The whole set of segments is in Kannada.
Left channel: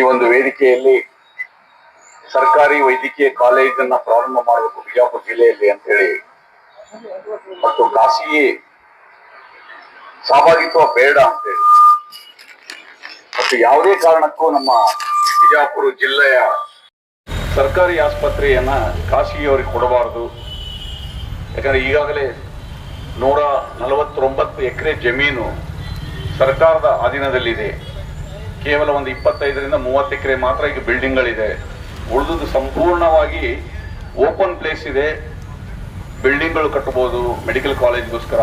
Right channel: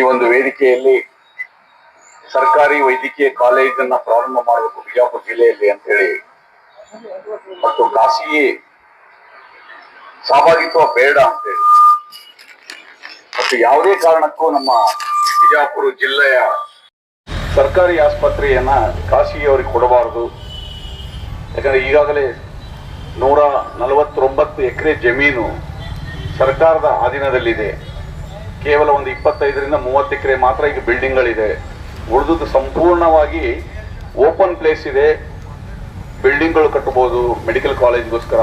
ಈ ಒಂದು ವೇದಿಕೆಯಲ್ಲಿ ಸರ್ಕಾರಿ ವೈದ್ಯಕೀಯ ಕಾಲೇಜನ್ನ ಪ್ರಾರಂಭ ಮಾಡಬೇಕು ಬಿಜಾಪುರ ಜಿಲ್ಲೆಯಲ್ಲಿ ಅಂತ ಹೇಳಿ ಮತ್ತು ಖಾಸಗಿ ಸಹಭಾಗಿತ್ವ ಬೇಡ ಅಂತೇಳಿ. ಮತ್ತು ಯಾವುದೇ ಕಾರಣಕ್ಕೂ ನಮ್ಮ ಬಿಜಾಪುರ ಜಿಲ್ಲೆಯ ಸರ್ಕಾರಿ ಆಸ್ಪತ್ರೆಯನ್ನ ಖಾಸಗಿಯವರಿಗೆ ಕೊಡಬಾರದು. ಯಾಕಂದ್ರೆ ಈಗಾಗಲೇ ನೂರ ನಲವತ್ತೊಂಬತ್ತು ಎಕರೆ ಜಮೀನು ಸರ್ಕಾರದ ಅಧೀನದಲ್ಲಿದೆ. ಕೇವಲ ಒಂದು ಇಪ್ಪತ್ತೈದರಿಂದ ಮೂವತ್ತು ಎಕರೆ ಮಾತ್ರ ಈಗ ಬಿಲ್ಡಿಂಗ್ಗಳಿದೆ. ಉಳಿದುದು ಸಂಪೂರ್ಣವಾಗಿ ಓಪನ್ ಪ್ಲೇಸ್ ಇದೆ. ಬಿಲ್ಡಿಂಗ್ಗಳು ಕಟ್ಟಬಹುದು, ಮೆಡಿಕಲ್ ಕಾಲೇಜ್ಗೋಸ್ಕರ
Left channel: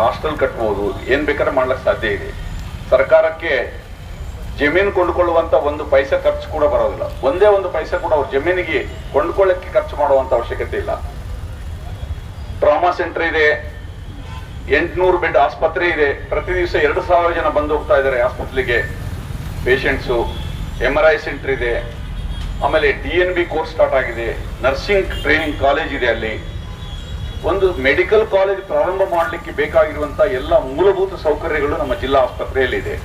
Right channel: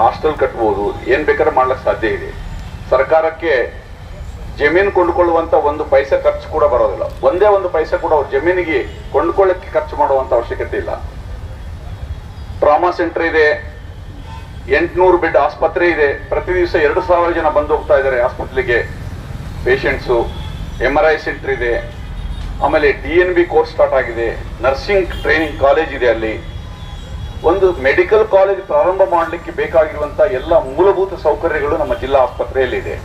ಹಾಸ್ಟೆಲ್ ಕಟ್ಟಬಹುದು, ಏನ್ ಬೇಕಾದ್ರೆ ಮಾಡ್ಲಿಕ್ಕೆ ಸಾಧ್ಯ ಇದೆ. ಸರ್ಕಾರಕ್ಕೆ ಜಮೀನು ಕೊಂಡುಕೊಳ್ಳುವಂತ ಒಂದು ಪೈಸೆ ಖರ್ಚು ಕೂಡ ಬರೋದಿಲ್ಲ. ಒಂದೇ ಒಂದು ಪೈಸೆ ಕೂಡ ಅವ್ರ ಜಮೀನಿಗೆ ಕೊಂಡ್ಕೊಳ್ಳಕ್ಕೆ ಖರ್ಚು ಮಾಡುವಂತ ಅವಶ್ಯಕತೆ ಇಲ್ಲ. ಟ್ರಾಮಾ ಸೆಂಟರ್ ಇದೆ, ಎಂಟುನೂರು ಬೆಡ್ ಆಸ್ಪತ್ರೆ ಇದೆ. ಪ್ರತಿ ದಿವಸ ಎರಡು ಸಾವಿರ ಜನ ಬಂದು ಹೋಗ್ತಾ ಇದ್ದಾರೆ ಆಸ್ಪತ್ರೆಗೆ patients M R I centre ಇದೆ. ಆಮೇಲೆ D N B course start ಆಗಿದೆ. ನರ್ಸಿಂಗ್ ಟ್ರೈನಿಂಗ್ ಕಾಲೇಜ್ ಇದೆ ಅಲ್ಲಿ. ಒಂದು ಮೆಡಿಕಲ್ ಕಾಲೇಜ್ ಪ್ರಾರಂಭ ಮಾಡಲಿಕ್ಕೆ ಬೇಕಾಗಿರುವಂತಹ ಎಲ್ಲ ಮೂಲಭೂತ ಸೌಕರ್ಯಗಳು ನಮ್ಮ ಜಿಲ್ಲಾ ಆಸ್ಪತ್ರೆಯಲ್ಲಿ ಇದೆ.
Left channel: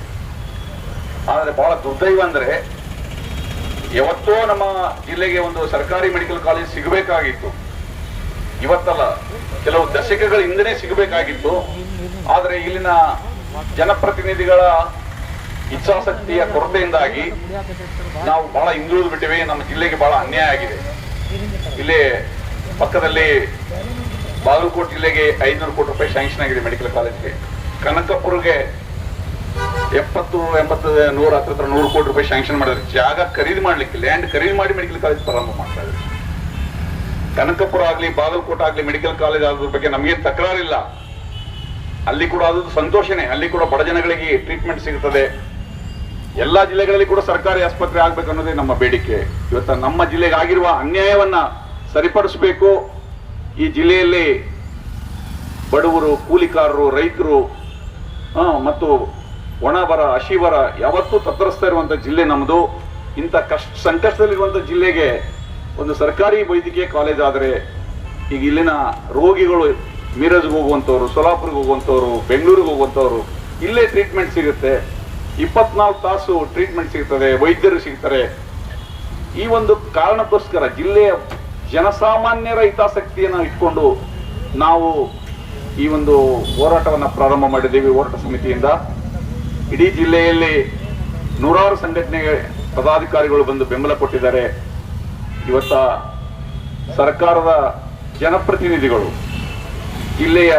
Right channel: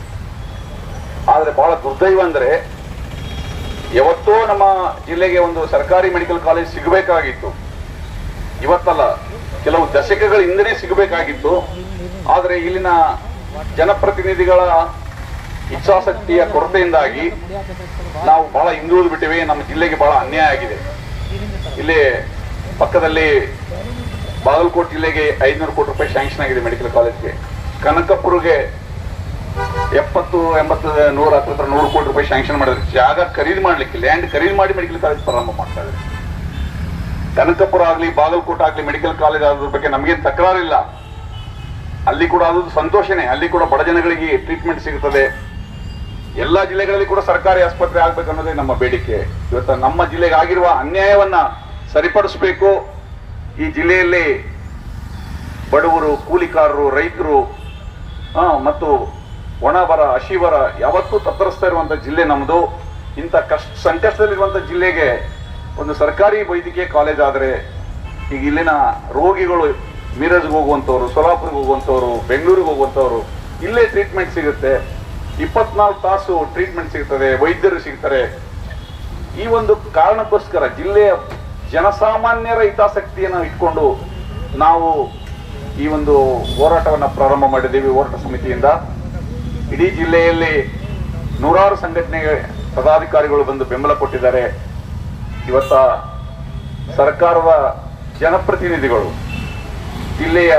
ಆದ್ರೆ ಬಹಳ ದುರ್ದೈವ ಅಂದರೆ ಯಾವತ್ತೋ ನಮ್ಮ ಜಿಲ್ಲೆಗೆ ಒಂದು ಸರ್ಕಾರಿ ಮೆಡಿಕಲ್ ಕಾಲೇಜ್ ಸಿಗಬೇಕಾಗಿತ್ತು. ಇವತ್ತಲ್ಲ, ಕೆಲವು ದಶಕಗಳ ಹಿಂದೆನೇ ಸಿಗಬೇಕಾಗಿತ್ತು. ಆದರೆ ಇಲ್ಲಿನ ಜನಪ್ರತಿನಿಧಿಗಳ ಇಚ್ಛಾಶಕ್ತಿಯ ಕೊರತೆಯಿಂದಾಗಿ ನಾವು ಬಹಳ ಹಿಂದುಳಿದು ಬಿಟ್ಟಿವಿ, ನಮ್ಮ ಜಿಲ್ಲೆಗೆ ಬಹಳ ಅನ್ಯಾಯ ಆಗಿದೆ. ಇಲ್ಲಿ ಪಕ್ಕದಲ್ಲಿ ಬಾಗಲಕೋಟೆ ಜಿಲ್ಲೆಗೆ ಐನೂರು ಕೋಟಿ ರೂಪಾಯಿ ಸ್ಯಾಂಕ್ಷನ್ ಆಗಿದೆ ಮೆಡಿಕಲ್ ಕಾಲೇಜ್ಗೆ ಕನಕಪುರಗೆ ಎಪ್ಪತ್ತು, ಎಂಬತ್ತು, ನೂರ ಹತ್ರ ನೂರು ಕೋಟಿ ರೂಪಾಯಿ ಸ್ಯಾಂಕ್ಷನ್ ಮಾಡಿದ್ರೆ. ಜಾಗ ಖರೀದಿ ಮಾಡ್ಲಿಕ್ಕೆ ಲ್ಯಾಂಡ್ ಖರೀದಿ ಮಾಡಿ ಮೆಡಿಕಲ್ ಕಾಲೇಜ್ ಪ್ರಾರಂಭ ಮಾಡ್ತಾ ಇದ್ದಾರೆ. ಕನಕಪುರ ಆಗಲಿ, ಬಾಗಲಕೋಟೆ ಆಗಲಿ ಮೆಡಿಕಲ್ ಕಾಲೇಜ್ ಆದ್ರ ಬಗ್ಗೆ ನಮಗೇನು ತಕರಾರಿಲ್ಲ. ಅಲ್ಲಿ ಕೂಡ ಅದು ಸಂತೋಷನೇ, ಅಲ್ಲಿ ಕೂಡ ಬಡ ಜನಗಳಿಗೆ ಟ್ರೀಟ್ಮೆಂಟ್ ಸಿಗುತ್ತದೆ ಎಲ್ಲಾ ಜಿಲ್ಲೆಗಳಲ್ಲಿ ಕೂಡ ಸರ್ಕಾರಿ ಆಸ್ಪತ್ರೆ ಆಗ್ಬೇಕು ಅನ್ನೋದೇ ನಮ್ಮ ಬೇಡಿಕೆ. ಇವತ್ತು ನಮ್ಮ ಜಿಲ್ಲೆಗೆ ಆಗಿರುವ ಅನ್ಯಾಯವನ್ನ ಸರಿಪಡಿಸಬೇಕು. ಈ ಜಿಲ್ಲೆಯಲ್ಲಿ ಬಡವರು, ಕೂಲಿಕಾರರು, ರೈತರು ಮತ್ತು ಒಣಬರ ಹಸಿವರ ಯಾವತ್ತೂ ತತ್ತರಿಸ್ತಾ ಇರುವಂತ ಜಿಲ್ಲೆ ನಮ್ಮದು ಇಂಥ ಕಷ್ಟ, ಸಂಕಷ್ಟದಲ್ಲಿರುವಂತ ಜಿಲ್ಲೆಗೆ ಒಂದು ಸರ್ಕಾರಿ ವೈದ್ಯಕೀಯ ಕಾಲೇಜ್ ಆದರೆ ಈಗ ಇಲ್ಲಿನ ರೋಗಿಗಳು ಮಿರಜ್ಗೆ ಹೋಗುವಂಥವ್ರು ಸೊಲಾಪುರ್ಗೆ ಹೋಗುವಂಥವ್ರು ಬೆಂಗಳೂರಿಗೆ ಹೋಗುವಂಥವ್ರು ಇಲ್ಲೇ ಟ್ರೀಟ್ಮೆಂಟ್ ಸಿಗುತ್ತೆ. ಇಪ್ಪತ್ನಾಲ್ಕು ತಾಸು ಟ್ರೀಟ್ಮೆಂಟ್ ಸಿಗ್ತದೆ, ವೈದ್ಯರು ಸಿಗ್ತಾರೆ. ಈ ಒಂದು ಕಾರಣಕ್ಕೋಸ್ಕರ ಜಿಲ್ಲೆಯ ಜನಸಾಮಾನ್ಯರ ಹಿತಾಸಕ್ತಿಯನ್ನು ಇಟ್ಕೊಂಡು ನಾವು ಈ ಒಂದು ಹೋರಾಟವನ್ನು ಪ್ರಾರಂಭ ಮಾಡಿದ್ದೀವಿ ಹೋರಾಟ ಸಮಿತಿಯಿಂದ. ಇಡೀ ಜಿಲ್ಲೆಯಲ್ಲಿ ನೂರಾರು ಸಂಘಟನೆ ಪದಾಧಿಕಾರಿಗಳು ಬಂದು ಬೆಂಬಲ ಕೊಟ್ಟಿದ್ದಾರೆ. ಇವತ್ತ ಸರ್ಕಾರದ ಜನಪ್ರತಿನಿಧಿಗಳು, ಜಿಲ್ಲೆಯ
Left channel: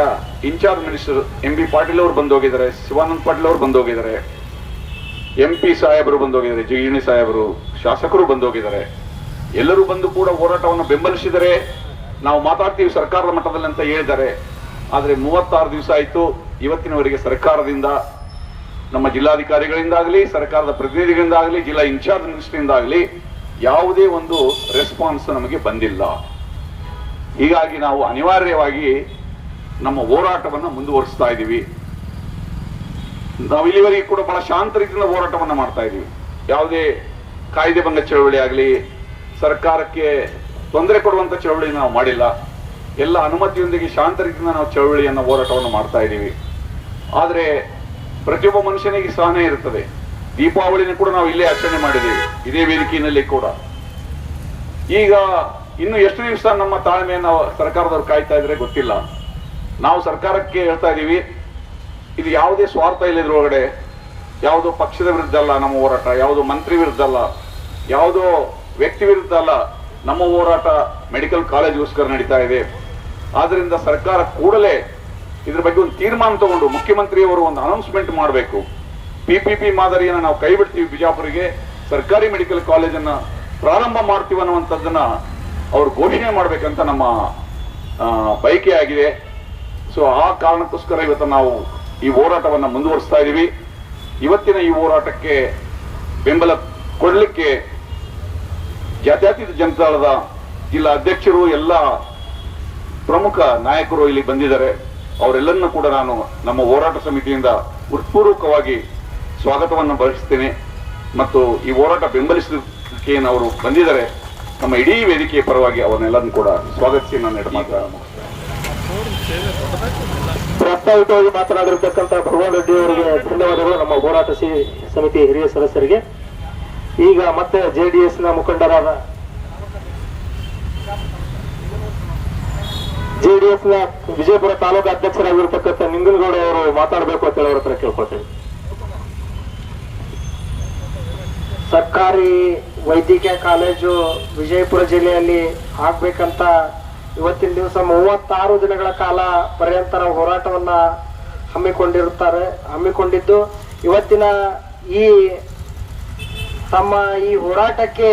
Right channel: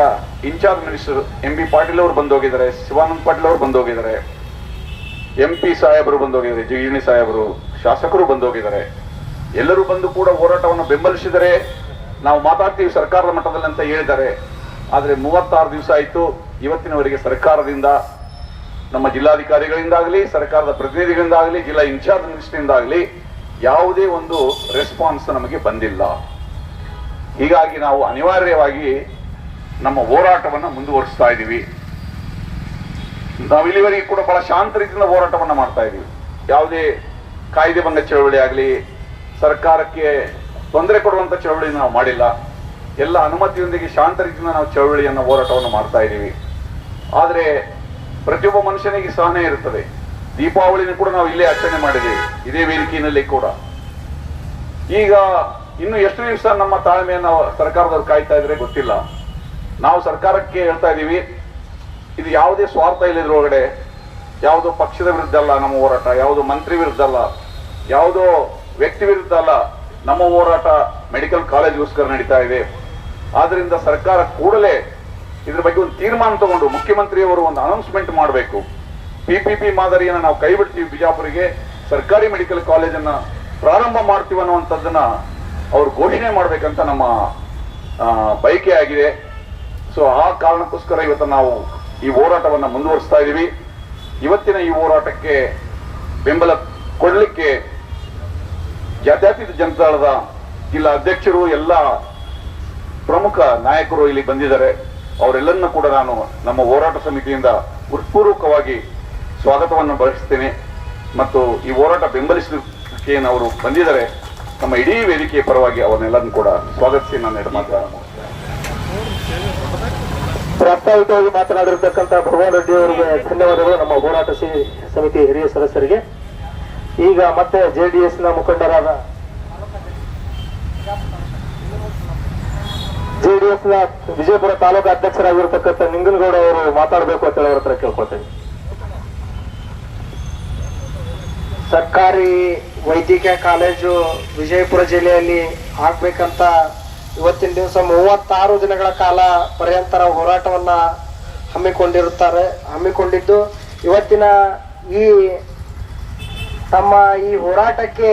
incharge minister M B Patil ಅವರು ಬಂದು ಹೋಗಿದ್ದಾರೆ ಶಿವಾನಂದ್ ಪಾಟೀಲ್ ಅವರು ಬಂದು ಹೋಗಿದ್ದಾರೆ ಎಂ ಪಿ ಸಾಹೇಬರು ಬಂದೋಗಿದ್ದಾರೆ ಜಿಗಿಣಿ ಸಾಹೇಬರು, ಶಾಸಕರು ಬಂದೋಗಿದ್ದಾರೆ. ಎಲ್ಲರೂ ಬಂದು ಕೂಡ ಹೋರಾಟವನ್ನು ಬೆಂಬಲಿಸಿದರೆ ನಾವು ಮಾತಾಡ್ತೀವಿ ಸರ್ಕಾರದ ಮಟ್ಟದಲ್ಲಿ ಅಂತ ಹೇಳಿದ್ದಾರೆ. ಆದರೆ ಮೂವತ್ತಾರು ದಿವಸ ಆಯಿತು, ಇವತ್ತಿನವರೆಗೆ ಸರ್ಕಾರದಿಂದ, ನಮ್ಮ ಜಿಲ್ಲಾಧಿಕಾರಿಗಳಿಂದಾಗಲಿ, ಸರ್ಕಾರದ ಪ್ರತಿನಿಧಿಗಳಿಂದಾಗಲಿ, ಜಿಲ್ಲಾ ಇನ್ಚಾರ್ಜ್ ಮಿನಿಸ್ಟ್ರಿಯಿಂದಾಗಲಿ ಯಾವುದೇ ಒಂದು ರೆಸ್ಪಾನ್ಸ್ ನಮಗೆ ಬಂದಿಲ್ಲ. ಹೀಗಾಗಿ ನಾವು ಅನಿವಾರ್ಯವಾಗಿ ನಮ್ಮ ಹೋರಾಟವನ್ನು ಮುಂದುವರಿಸ್ತಾ ಇದ್ದೀವಿ ನಾವು ಇಲ್ಲಿವರೆಗೆ ಕೂಡ ಬಹಳ ಶಾಂತ ರೀತಿಯಿಂದ ಹೋರಾಟವನ್ನು ಮಾಡ್ತಾ ಇದ್ದೀವಿ ಯಾವುದೇ ಕಾಯ್ದೆ ಭಂಗ ಚಳವಳಿ ಆಗಲಿ, ಸರ್ಕಾರಕ್ಕೆ ತೊಂದರೆ ಕೊಡುವಂತ ಚಳವಳಿ ನಾವು ಮಾಡಿಲ್ಲ. ಎಲ್ಲ ಅನುಮತಿಯೊಂದಿಗೆ ಶಾಂತ ರೀತಿಯಿಂದ ನಾವು ಚಳವಳಿಯನ್ನು, ಹೋರಾಟವನ್ನು ಮಾಡ್ತಾ ಇದ್ದೀವಿ ಆದರೆ ಪ್ರತಿಯೊಬ್ಬ ಮನುಷ್ಯನಿಗೆ ಸಹನೆ ಇರುತ್ತದೆ. ದೀಪಾವಳಿನ ಕೂಡ ನಾವು ಇಲ್ಲೇ ಆಚರಣೆ ಮಾಡಿದ್ದೀವಿ ಇದೇ ವೇದಿಕೆಯಲ್ಲಿ ಕೂಡ. ಈಗ ಇನ್ನು ಎಷ್ಟು ದಿವಸ ನಮ್ಮ ತಾಳ್ಮೆಯನ್ನು ಸರ್ಕಾರದವ್ರು ಕಾಯ್ತಾ ಇದ್ರೆ ಗೊತ್ತಿಲ್ಲ. ನಾವು ಸರ್ಕಾರಕ್ಕೆ ಹೇಳ್ತಾ ಇದ್ದೀವಿ ಇದು ಯಾವುದೇ ಸ್ವಾರ್ಥ ಇಲ್ಲ ಇದ್ರೊಳಗಡೆ ಯಾವುದೋ ಪಕ್ಷದ ವಿರುದ್ಧ ಅಲ್ಲ ನಮ್ಮ ಹೋರಾಟ, ಯಾವುದೋ ಮಂತ್ರಿ ವಿರುದ್ಧ ಅಲ್ಲ, ಯಾವುದೋ ವ್ಯಕ್ತಿ ವಿರುದ್ಧ ಅಲ್ಲ, ನಮ್ಮ ಹೋರಾಟ ಮೆಡಿಕಲ್ ಕಾಲೇಜ್ಗೋಸ್ಕರ ನಡೀತಾ ಇದೆ. ಆದ್ರಿಂದ ಸರ್ಕಾರ ಕೂಡಲೇ ಇದ್ರ ಬಗ್ಗೆ ಒಂದು ತೀರ್ಮಾನ ತಗೊಂಡು ಮುಖ್ಯಮಂತ್ರಿಯವರು ಒಂದು ಅನೌನ್ಸ್ಮೆಂಟ್ ಮಾಡಬೇಕು. ಪಿಪಿಪಿ ಮಾದರಿಯನ್ನು ನಾವು ಕೈ ಬಿಡ್ತೀವಿ ಬಿಜಾಪುರಿಗೆ, ಸರ್ಕಾರಿ ಮೆಡಿಕಲ್ ಕಾಲೇಜನ್ನು ಪ್ರಾರಂಭ ಮಾಡ್ತೀವಿ ಅನ್ನುವಂಥದ್ದನ್ನ ಅವ್ರು ಘೋಷಣೆ ಮಾಡಬೇಕಂತ ನಮ್ಮ ಬಯಕೆ ಆಗಿದೆ ಸೊ ಆ ಕಾರಣಕ್ಕೋಸ್ಕರ ಇವತ್ತು ನಾವು ಈ ಹೋರಾಟವನ್ನು ಮುಂದುವರಿಸ್ತಾ ಇದ್ದೀವಿ ಇವತ್ತಿನ ಈ ಹೋರಾಟಕ್ಕೆ ಬೆಂಬಲ ಕೊಡಲಿಕ್ಕೆ ಜಾತ್ಯತೀತ ಜನತಾದಳದ ಜಿಲ್ಲಾ ಅಧ್ಯಕ್ಷರು, ಎಲ್ಲ ಪ್ರಮುಖ ನಾಯಕರು ಇಲ್ಲಿ ಬಂದಿದ್ದಾರೆ. ಅವರೆಲ್ಲರನ್ನೂ ಕೂಡ ನಾನು ನಮ್ಮ ಹೋರಾಟ ಸಮಿತಿಯಿಂದ ಹೃತ್ಪೂರ್ವಕವಾಗಿ ಸ್ವಾಗತವನ್ನು ಬಯಸ್ತೇನೆ. ಮತ್ತು ಈ ಹೋರಾಟ ಬೆಂಬಲಿಸಲಿಕ್ಕೆ ಅವರು ಬಂದಿದ್ದಾರೆ. ನಮ್ಮ ಇಡೀ ವೇದಿಕೆಯ ಪರವಾಗಿ ಅವರನ್ನೆಲ್ಲರನ್ನು ಕೂಡ ಸ್ವಾಗತಿಸಿ ನಾನು ಪ್ರಾಸ್ತಾವಿಕವಾಗಿ ಮಾತನಾಡಿರ್ತಕ್ಕಂಥ ಭಗವಾನ್ ರೆಡ್ಡಿ ಅವರಿಗೆ ಧನ್ಯವಾದಗಳು, ನಮ್ಮ ಹೋರಾಟ ಸಮಿತಿ ಹಿರಿಯ ಸದಸ್ಯರಿಗೆ. ಈಗ ಮತ್ತೆ ಜೆ ಜೆಡಿಎಸ್ನ ಮುಖಂಡರಾದ ಜೆಡಿಎಸ್ನ ವಿಜಯಪುರ ತಾಲೂಕು ಅಧ್ಯಕ್ಷರಾಗಿರ್ತಕ್ಕಂಥ ನಿಂಗನಗೌಡ ಅವರು ಮಾತಾಡಬೇಕು ಅಂತ ಹೇಳಿ ಅವ್ರ ಹತ್ರ ಕೇಳ್ಕೊಳ್ತೇವೆ ಸರ್ಕಾರಿ ವೈದ್ಯಕೀಯ ಕಾಲೇಜು ವಿಜಯಪುರ ಜಿಲ್ಲೆಯಲ್ಲಿ ಆಗ್ಬೇಕಂತ ಇವತ್ತಿನ ದಿವಸ ಮೂವತ್ತಾರು ದಿನಗಳ ಕಾಲ ಪರ್ಯಂತರ ಹೋರಾಟವನ್ನ ಹಮ್ಮಿಕೊಂಡಿರುತ್ತಾರೆ, ಹಮ್ಮಿಕೊಂಡಿದ್ದು ಇವತ್ತಿನ ಈ ತಮ್ಮ ಈ ಹೋರಾಟಕ್ಕೆ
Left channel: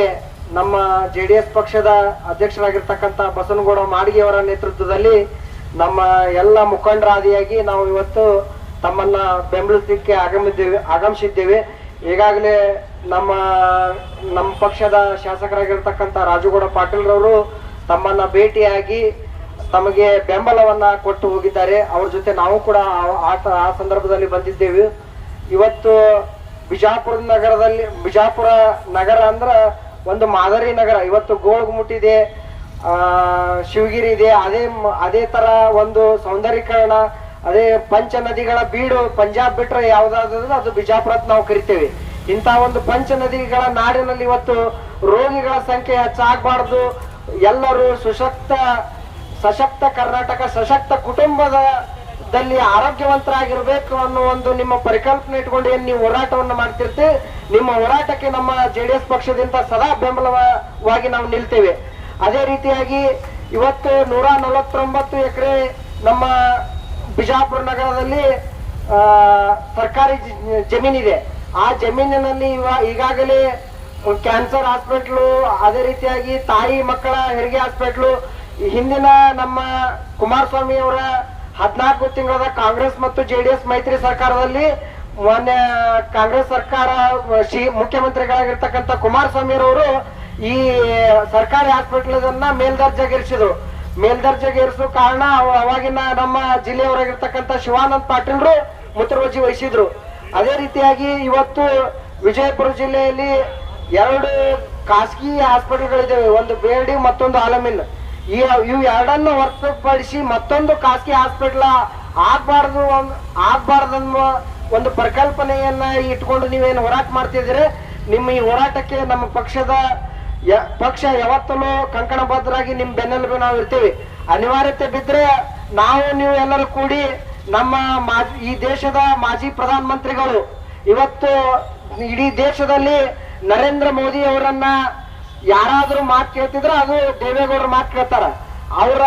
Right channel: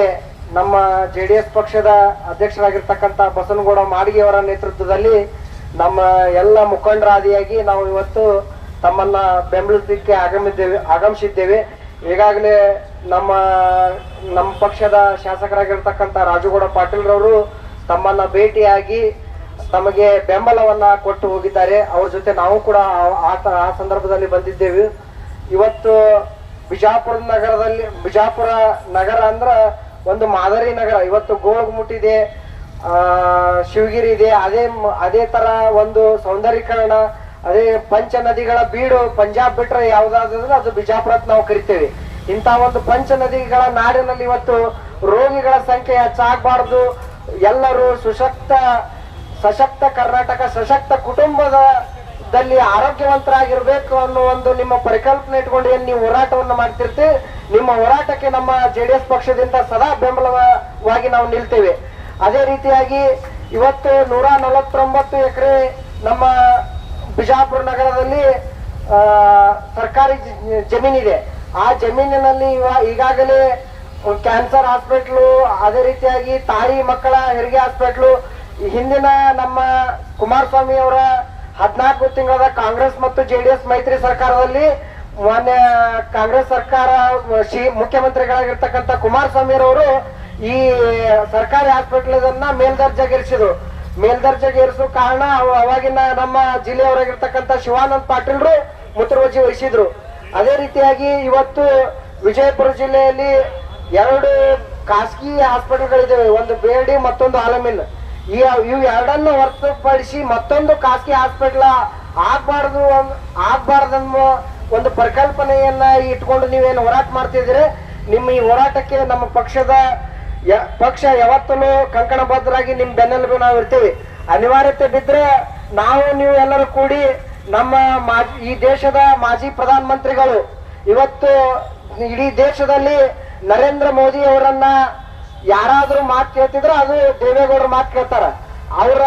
ನಮ್ಮ ಜೆ ಡಿ ಎಸ್ ಪಕ್ಷದ ಅಧ್ಯಕ್ಷರಾಗಿರ್ತಕ್ಕಂಥ ಬಸನಗೌಡ ಮಾಡಿಗೆಯವರ ನೇತೃತ್ವದಲ್ಲಿ ನಮ್ಮ ಎಲ್ಲ ಮುಖಂಡರಾದಿಯಾಗಿ ನಾವು ಇವತ್ತು ತಮ್ಮನ್ನ ಬೆಂಬಲಿಸಲಿಕ್ಕೆ ಆಗಮಿದ್ದೇವೆ, ಆಗಮಿಸಿದ್ದೇವೆ. ಈಗಾಗಲೇ ನಮ್ಮ ನಮ್ಮ ಪಕ್ಷದ ಶಾಸಕರಾಗಿರ್ತಕ್ಕಂಥ ರಾಜುಗೌಡ ಪಾಟೀಲ್ ರವರು ತಮ್ಮನ್ನ ಭೇಟಿಯಾಗಿ ತಮಗೆ ಬೆಂಬಲವನ್ನ ಕೊಟ್ಟು ಹೋಗಿದ್ದಾರೆ. ಅವ್ರ ಜೊತೆ ನಾವು ಕೂಡ ಆ- ಸಂದರ್ಭದಲ್ಲಿ ಬಂದಿದ್ದೇವೆ. ಇವತ್ತು ಬಿಜಾಪುರ ನಗರದಲ್ಲಿ, ಬಿಜಾಪುರ ನಗರ ಅಂದ್ರ ಒಂದು ಮಾದರಿ ನಗರ. ಇವತ್ತು ಗೋಳಗುಮುಟ್ ಆ, ಶಿವಗಿರಿ ಇದೆ. ಅದೇ ಅದೇ ತರ ಒಂದು ಸೌಂದರ್ಯೀಕರಣ, ಅದೇ ಪಂಚ ನದಿಗಳ ಬೀಡು ಪಂಜಾಬ್ ಬಿಟ್ರೆ ಯಾವ್ದಾದ್ರು ಅದು ಬಿಜಾಪುರ ನಾವು ಕರಿತೇವೆ. ಇಂತಹ ಒಂದು ಪಂಚ ನದಿಗಳ ನಾಡಿನಲ್ಲಿ ಇವತ್ತು ರೋಗಿಗಳ ಸಂಖ್ಯೆ ಹೆಚ್ಚಾಗಬಾರ್ದು. ಎಲ್ಲರೂ ಸುಶಕ್ತ, ಸಶಕ್ತ ಕರ್ನಾಟಕ, ಸಶಕ್ತ ಕುಟುಂಬದ ದಲ್ಲಿ ಆರೋಗ್ಯವಂತರಾಗಿರ್ಬೇಕು ಅನ್ನೋ ಒಂದು ನಿಮ್ಮ ಪರಿಕಲ್ಪನೆ ಇಟ್ಕೊಂಡು ಏನ್ ನೀವು ಹೋರಾಟವನ್ನು ಮಾಡ್ತಿರ್ತೀವಿ ನಿಮ್ಮ ಹೋರಾಟಕ್ಕೆ ನಮ್ಮ ಜೆಡಿಎಸ್ ಪಕ್ಷದಿಂದ ಸದಾ ಬೆಂಬಲವಾಗಿ ನಾವು ನಿಲ್ತೇವೆ. ಅದೇ ರೀತಿಯಾಗಿ ಇವತ್ತು ನೂರ ನಲವತ್ತೊಂಬತ್ತು ಎಕರೆ ನಮ್ಮ ಬಿಜಾಪುರ ನಗರದಲ್ಲಿ ಸರ್ಕಾರಿ ಜ- ಜಮೀನಿದೆ. ಆ ಜಮೀನಿನಲ್ಲಿ ಈಗಾಗಲೇ ಕ್ಯಾನ್ಸರ್ ಹಾಸ್ಪಿಟ್ಲು, ಅದೇ ರೀತಿಯಾಗಿ ತಾಯಿ ಮಕ್ಕಳ ಹೆರಿಗೆ ಹಾಸ್ಪಿಟ್ಲು, ಹಿಂದಿನ ನಮ್ಮ ಕುಮಾರಸ್ವಾಮಿ ಅವರ ಹದಿನಾಲ್ಕು ತಿಂಗಳ ಕಾಂಗ್ರೆಸ್ ಮತ್ತು ಜೆಡಿಎಸ್ ಮೈತ್ರಿ ಸರ್ಕಾರದಲ್ಲಿ ಮಾನ್ಯ ಕಾಂಗ್ರೆಸ್ ಸರ್ಕಾರ, ಶ್ರೀ ಮುಖ್ಯಮಂತ್ರಿಗಳಾಗಿರ್ತಕ್ಕಂಥ ಕುಮಾರಸ್ವಾಮಿ ಅವರು ಈ ಸರ್ಕಾರಿ ಹಾಸ್ಪಿಟಲ್ ಅನ್ನ ಮೇಲ್ದರ್ಜೆಗೇರಿಸಿದ್ರು ಮೇಲ್ದರ್ಜೆಗೇರಿಸೋ ಕಾರಣ ಅವ- ಅವಾಗಿನ ನಮ್ಮ ಜಿಲ್ಲೆಯವರಾಗಿರ್ತಕ್ಕಂಥ ಶಿವಾನಂದ್ ಪಾಟೀಲ್ರು ಮುತುವರ್ಜಿ ವಹಿಸಿದ್ರು. ಅದೇ ರೀತಿಯಾಗಿ ಇವತ್ತು ವಿಜಯಪುರ ಜಿಲ್ಲೆಯಲ್ಲಿ ಎರಡು ಖಾಸಗಿ ಹಾಸ್ಪಿಟಲ್ಗಳಿದ್ದಾವೆ ಒಂದು ಬೇಡಿ, ಮತ್ತೊಂದು ಆಲಮಿನ್ ಇವು ಎರಡನ್ನು ಹೊರತುಪಡಿಸಿ ಮತ್ತೊಂದು ಖಾಸಗಿ ಹಾಸ್ಪಿಟಲ್ ಆಗ್ಬಾರ್ದು ಅನ್- ಆಗ್ಬಾರ್ದನ್ನುವ ಒಂದು ಪರಿಕಲ್ಪನೆಯನ್ನ ಇಟ್ಕೊಂಡು ನೀವೇನು ಹೋರಾಟ ಮಾಡ್ತಿದ್ರೆ ನಿಮ್ಮ ಈ ಹೋರಾಟಕ್ಕೆ ನಮ್ಮ ಪಕ್ಷದ ಪಕ್ಷ ಯಾವತ್ತೂ ಕಂಕಣಬದ್ಧರಾಗಿ ನಿಮ್ ಬೆನ್ನೆಲುಬು ನಾವು ಇರ್ತೀವಿ. ಅನಿವಾರ್ಯತೆ ಬಿದ್ರೆ ನಾವು ನೀವು ಎಲ್ಲರೂ ಕೂಡಿ ನಮ್ಮ ಮಾಜಿ, ಈ ದೇಶದ ಮಾಜಿ ಪ್ರಧಾನ ಮಂತ್ರಿಗಳು ಇವತ್ತು ಇಡೀ ದೇಶದಲ್ಲಿ ನರೇಂದ್ರ ಮೋದಿ ಅವರನ್ನ ಯಾರಾದ್ರೂ ಮಾತು ಕೇಳ್ತಿದ್ರೆ ಅದು ದೇವೇಗೌಡರ ಮಾತು ಕೇಳ್ತಾರ. ಅವರ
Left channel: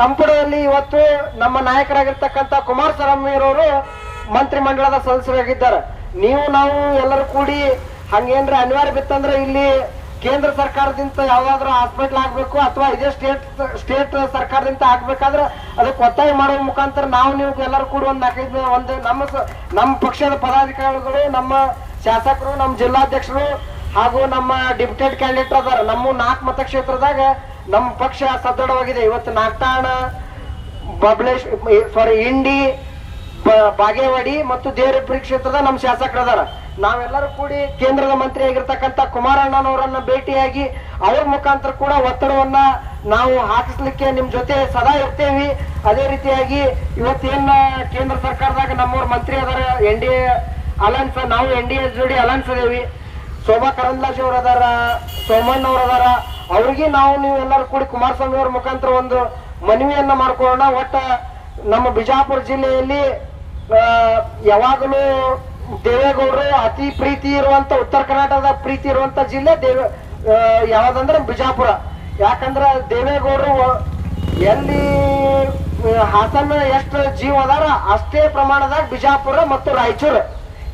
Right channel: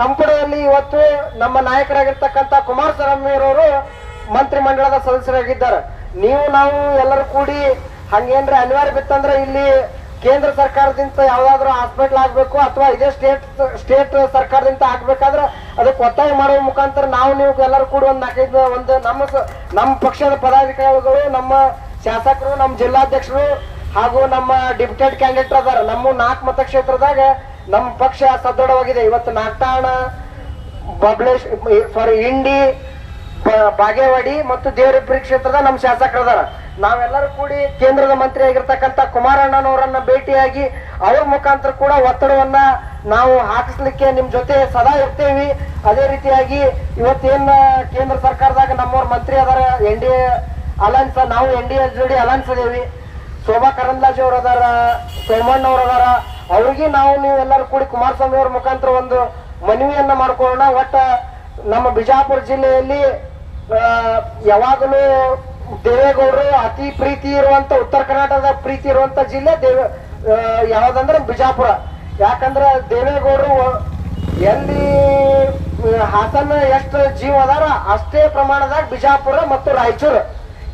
ಸಂಪುಟದಲ್ಲಿ ಇವತ್ತು ನಮ್ಮ ನಾಯಕರಾಗಿರ್ತಕ್ಕಂಥ ಕುಮಾರಸ್ವಾಮಿಯವರು ಮಂತ್ರಿಮಂಡಲದ ಸದಸ್ಯರಾಗಿದ್ದಾರೆ. ನೀವು, ನಾವು ಎಲ್ಲರೂ ಕೂಡಿ ಹಂಗೇನ್ರಿ ಅನಿವಾರ್ಯ ಬಿತ್ತಂದ್ರೆ ಇಲ್ಲಿ ಕೇಂದ್ರ ಸರ್ಕಾರದಿಂದ ಯಾವ್ದಾದ್ರು ಹಾಸ್ಪಿಟಲ್ ಆಗ್ಬೇಕು ಅಥವಾ ಇದೇ ಸ್ಟೇಟ್ ಸ್ಟೇಟ್ ಸರ್ಕಾರದಿಂದ ಆಗ್ಬೇಕಾದ್ರೆ ಅದಕ್ಕೆ ಒತ್ತಾಯ ಮಾಡುವ ಮುಖಾಂತರ ನಾವು ನೀವು ಎಲ್ಲರೂ ಕೂಡ ಒಂದು ನಾಲ್ಕೈದು, ಒಂದು ನಮ್ಮ ನಮ್ಮ ಪಕ್ಷದ ಪದಾಧಿಕಾರಿಗಳು, ನಮ್ಮ ಶಾಸಕರು, ನಮ್ಮ ಜಿಲ್ಲಾಧ್ಯಕ್ಷರು ಹಾಗೂ ನಮ್ಮ ಡಿಪ್ಯೂಟೆಡ್ ಕ್ಯಾಂಡಿಡೇಟ್ ಅದಾರ. ನಮ್ಮ ನಾಲ್ಕು ಮತಕ್ಷೇತ್ರದಾಗ ನಮ್ಮ ಪಕ್ಷ ಸದೃಢವಾಗಿದೆ. ಇವತ್ತು ನಾಗ್ತಾಣ, ಬಬ್ಲೇಶ್ ಫಾರ್ ಇಂಡಿ ಬಾಗೇವಾಡಿ ಮತ್ತು ದೇವರಪುರಿ ಕ್ಷೇತ್ರದ ನಮ್ಮ ಶಾಸಕರದಾರ. ನಾವೆಲ್ಲರೂ ಕೂಡಿ ಕೇಂದ್ರದ ಮಂತ್ರಿ ಆಗಿರ್ತಕ್ಕಂಥ ಕುಮಾರಣ್ಣನವರನ್ನ ಭೇಟಿಯಾಗಿ ಅವ್ರ ಮುಖಾಂತರ ಕೂಡ ಒತ್ತಡವನ್ನ ನಾವು ಹಾಕಿಸ್ಲಿಕ್ಕೆ ನಿಮ್ ಜೊತೆ ಸದಾ ಇರ್ತೇವಿ. ಅದೇ ರೀತಿಯಾಗಿ ಇವತ್ತೇನ್ ಕೇಂದ್ರ ಸರ್ಕಾರದಾಗ ನಮ್ಮವ್ರ ಮಂತ್ರಿ ಅದಾರ, ಎನ್ ಡಿ ಎ ಅಲಯನ್ಸ್ ನಾವು ಎನ್ ಡಿ ಎಸ್ ಜೋಡಿ ಅಲಯನ್ಸ್ ಅದೇವಿ ಶೋಭಾ ಕರಂದ್ಲಾಜ್ ಅವ್ರ ಅದಾರ, ಸೋಮಣ್ಣ ಅವ್ರ ಅದಾರ. ಅವ್ರಿಗೆ ನಾವು ನೀವು ಎಲ್ಲರೂ ಕೂಡಿ ಕುಮಾರಸ್ವಾಮಿ ಅವ್ರ ಮುಖಾಂತರ ಒಂದು ಮನವಿಯನ್ನ ಮಾಡ್ಕೊಳ್ಳೋಣ. ಒಟ್ಟ ನಮ್ಮ ಬಿಜಾಪುರ ಜಿಲ್ಲೆಯಲ್ಲಿ ಯಾವಾಗಲೂ ದೇವೇಗೌಡರು ಅತಿ ಪ್ರೀತಿ ಇರುವಂತ ಉತ್ತರ ಕರ್ನಾಟಕದ ಪ್ರೀತಿ ಇರುವಂತ ಜಿಲ್ಲೆ ದೇವ ಯಾವ್ದಂದ್ರೆ ಬಿಜಾಪುರ. ಯಾಕಂದ್ರೆ ದೇವೇಗೌಡರು ಎಲ್ಲಿ ಹಾಸನ ಎಷ್ಟು ಜೀವ ಅದಾರ ಅಷ್ಟೇ ಪ್ರಮಾಣದಾಗ ಬಿಜಾಪುರ ಮತ್ತು ರಾಯಚೂರು.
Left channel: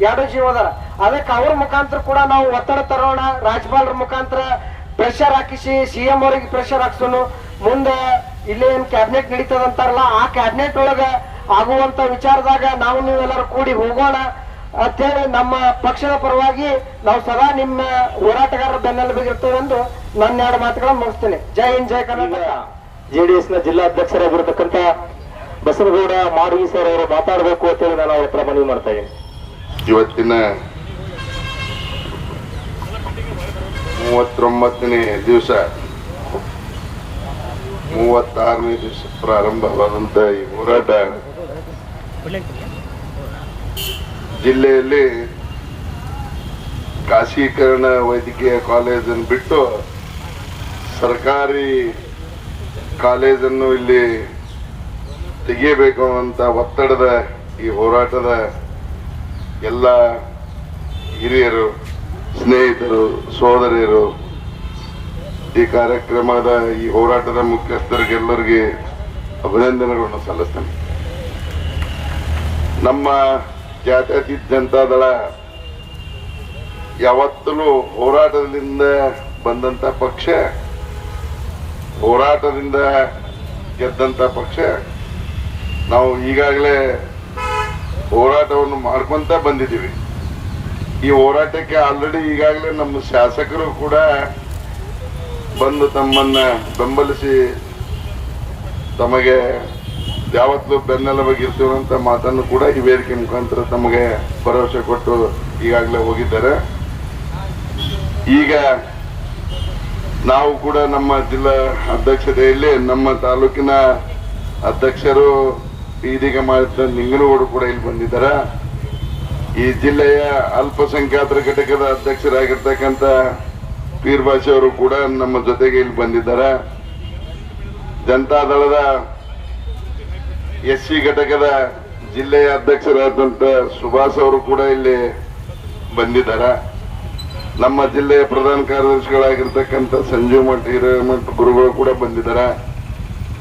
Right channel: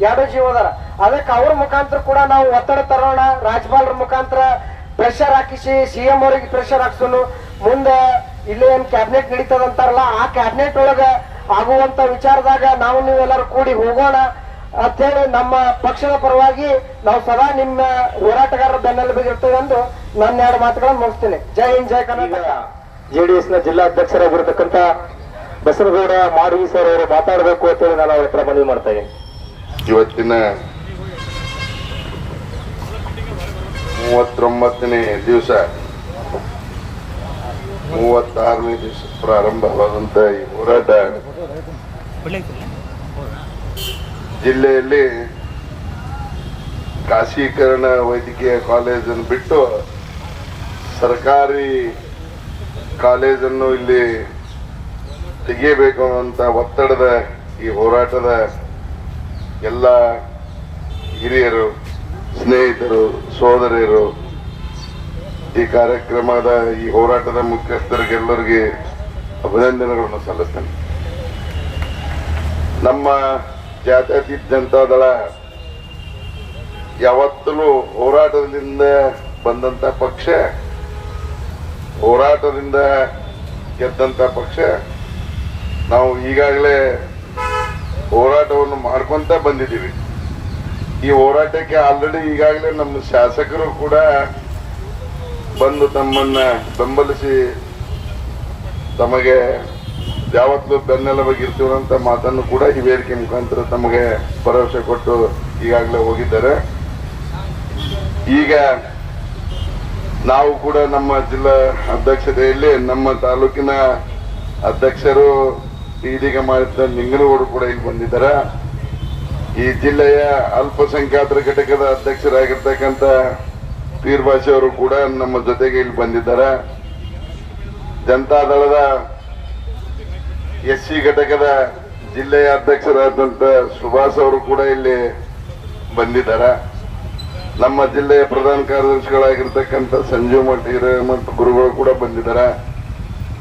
ಎರಡು ಜೀವ ಅದಾರ ಅದಕ್ಕೆ ಅವ್ರ ಮುಖಾಂತರ ಕೂಡ ನಾವು ಒತ್ತಡ ತರೋಣ ರಾಜ್ಪಾಲರ ಮುಖಾಂತರ ಪ್ರೆಷರ್ ಹಾಕಿಸಿ ಸಿ ಎಂ ಅವರಿಗೆ ಪ್ರೆಷರ್ ಹಾಕ್ಸೋನು. ಮುಂದೆ ಇಲ್ಲಿ ಏನ್ ಕ್ಯಾಬಿನೆಟ್ ನಡೀತದಂತಾರಲ್ಲ ಆ ಕ್ಯಾಬಿನೆಟ್ ಒಳಗ ಆಗುವಂತ ವಿಚಾರದಾಗ ನಾವು ನೀವೆಲ್ಲರೂ ಕೂಡಿ ಹೋಗೋಣ. ಅಂತೇಳಿ ನಮ್ಮ ಪಕ್ಷದ ಪರವಾಗಿ ನಾವು ಸದಾ ನಿಮ್ಮ ಹೋರಾಟಗಾರರ ಬೆನ್ನೆಲುಬಿಗೆ ಬಿಗಿರ್ತೇವೆಂದು ನನ್ನ ಎರಡು ಮಾತುಗಳನ್ನು ಮುಗಿಸ್ತೇನೆ. ಜೈ ಹಿಂದ್, ಜೈ ಕರ್ನಾಟಕ. ಜೆಡಿಎಸ್ನ ಜಿಲ್ಲಾ ಅಧ್ಯಕ್ಷರಾಗಿರ್ತಕ್ಕಂಥ ಬಸವಗೌಡ ಮಾಡಗಿ ಸರ್ ಅವರು ಮಾತಾಡಬೇಕು ಅಂತ ಹೇಳಿ ನಾನು ಅವ್ರ ಹತ್ರ ಮನವಿ ಮಾಡ್ತಾ ಇದ್ದೀನಿ. ಇವತ್ತಿನ ಮೂವತ್ತೊಂಬತ್ತನೇ ದಿವಸ, ಮೂವತ್ತಾರನೇ ದಿವಸ ಪ್ರಾರಂಭವಾದಂತ ಈ ಹೋರಾಟ ಜಿಲ್ಲೆಯಲ್ಲಿ ಖಾಸಗೀಕರಣ ವೈದ್ಯಕೀಯ ಕಾಲೇಜನ್ನು ಬಿಟ್ಟು ಸರ್ಕಾರಿ ಕಾಲೇಜನ್ನು ಇಲ್ಲಿ ತೆಗೆಯಬೇಕು ಅಂತ ಒತ್ತಡದ ಈ ಹೋರಾಟದ ಎಲ್ಲ ಹಿರಿಯರು, ಸ್ನೇಹಿತರು, ಸೋದರಿಯರು, ಈ ಕಾರ್ಯಕ್ರಮದ ಈ ಹೋರಾಟದ ಮುಖ್ಯಸ್ಥರಿಗೆಲ್ಲರಿಗೆ ಅಭಿನಂದನೆಗಳನ್ನು ಸಲ್ಲಿಸ್ತೇನೆ. ನಮ್ಮ ಜಾತ್ಯತೀತ ಜನತಾದಳ ಯಾವತ್ತಲೂ ಹೋರಾಟದಿಂದ ಬಂದಂತ ಪಕ್ಷ, ಹೋರಾಟದಿಂದ ಗೆದ್ದಂತ ಪಕ್ಷ, ನಾವು ಈಗಾಗಲೇ ಹೋರಾಟವನ್ನು ಮಾಡ್ಕೊಂತ ಬಂದಿದ್ದೀವಿ. ಈ ಹೋರಾಟಕ್ಕೆ ಆಲ್ರೆಡಿ ಈಗಾಗಲೇ ನಮ್ಮ ಶಾಸಕರು ಕೂಡ ಬಂದು ತಮ್ಮನ್ನ ಬೆಂಬಲಿಸಿ ತಮಗೆ ಯಾವತ್ತೂ ಬೆನ್ನೆಲುಬಾಗಿರ್ತೀವಿ ಅಂತ ಮಾತನ್ನು ಕೂಡ ಈ ವೇದಿಕೆ ಮುಖಾಂತರ ತಮಗೆ ಭರವಸೆ ಕೊಟ್ಟು ಈಗಾಗಲೇ ಹೋಗಿದ್ದಾರೆ. ಈಗ ನಾವು ಕೂಡ ನಮ್ಮ ಜಿಲ್ಲಾ ಅಧ್ಯಕ್ಷತೆಯಲ್ಲಿ ನಮ್ಮ ತಾಲೂಕಿನ ಅಧ್ಯಕ್ಷರು ಇದೀಗ ಮಾಡಿದ ನಿಂಗನಗೌಡರು ಕೂಡ ಇಲ್ಲಿ ಬಂದಿದ್ದಾರೆ. ಈ ಜಿಲ್ಲೆಯ ಅಲ್ಪಸಂಖ್ಯಾತರ ಘಟಕದ ಅಧ್ಯಕ್ಷರಾಗಿರ್ತಕ್ಕಂಥ ಪೀರ್ಭಾಷೆ ಅವರು ಕೂಡ ನಮ್ಮ ಜೊತೆಗೆ ಇಲ್ಲಿ ಬಂದಿದ್ದಾರೆ. ಜನತಾದಳದ ಎಸ್ ಸಿ ಘಟಕದ ಜಿಲ್ಲೆಯ ಅಧ್ಯಕ್ಷರಾದಂತ ಸುಭಾಷ್ ಅವರು ಕೂಡ ಇಲ್ಲಿ ಬಂದಿದ್ದಾರೆ. ನಮ್ಮ ಜಿಲ್ಲೆಯ ಪ್ರಧಾನ ಕಾರ್ಯದರ್ಶಿಗಳಾಗಿರ್ತಕ್ಕಂಥ ಸಂಜೀವ್ ಮಠ, ಹಿರೇಮಠ ಗುರುಗಳು ಕೂಡ ಬಂದಿದ್ದಾರೆ.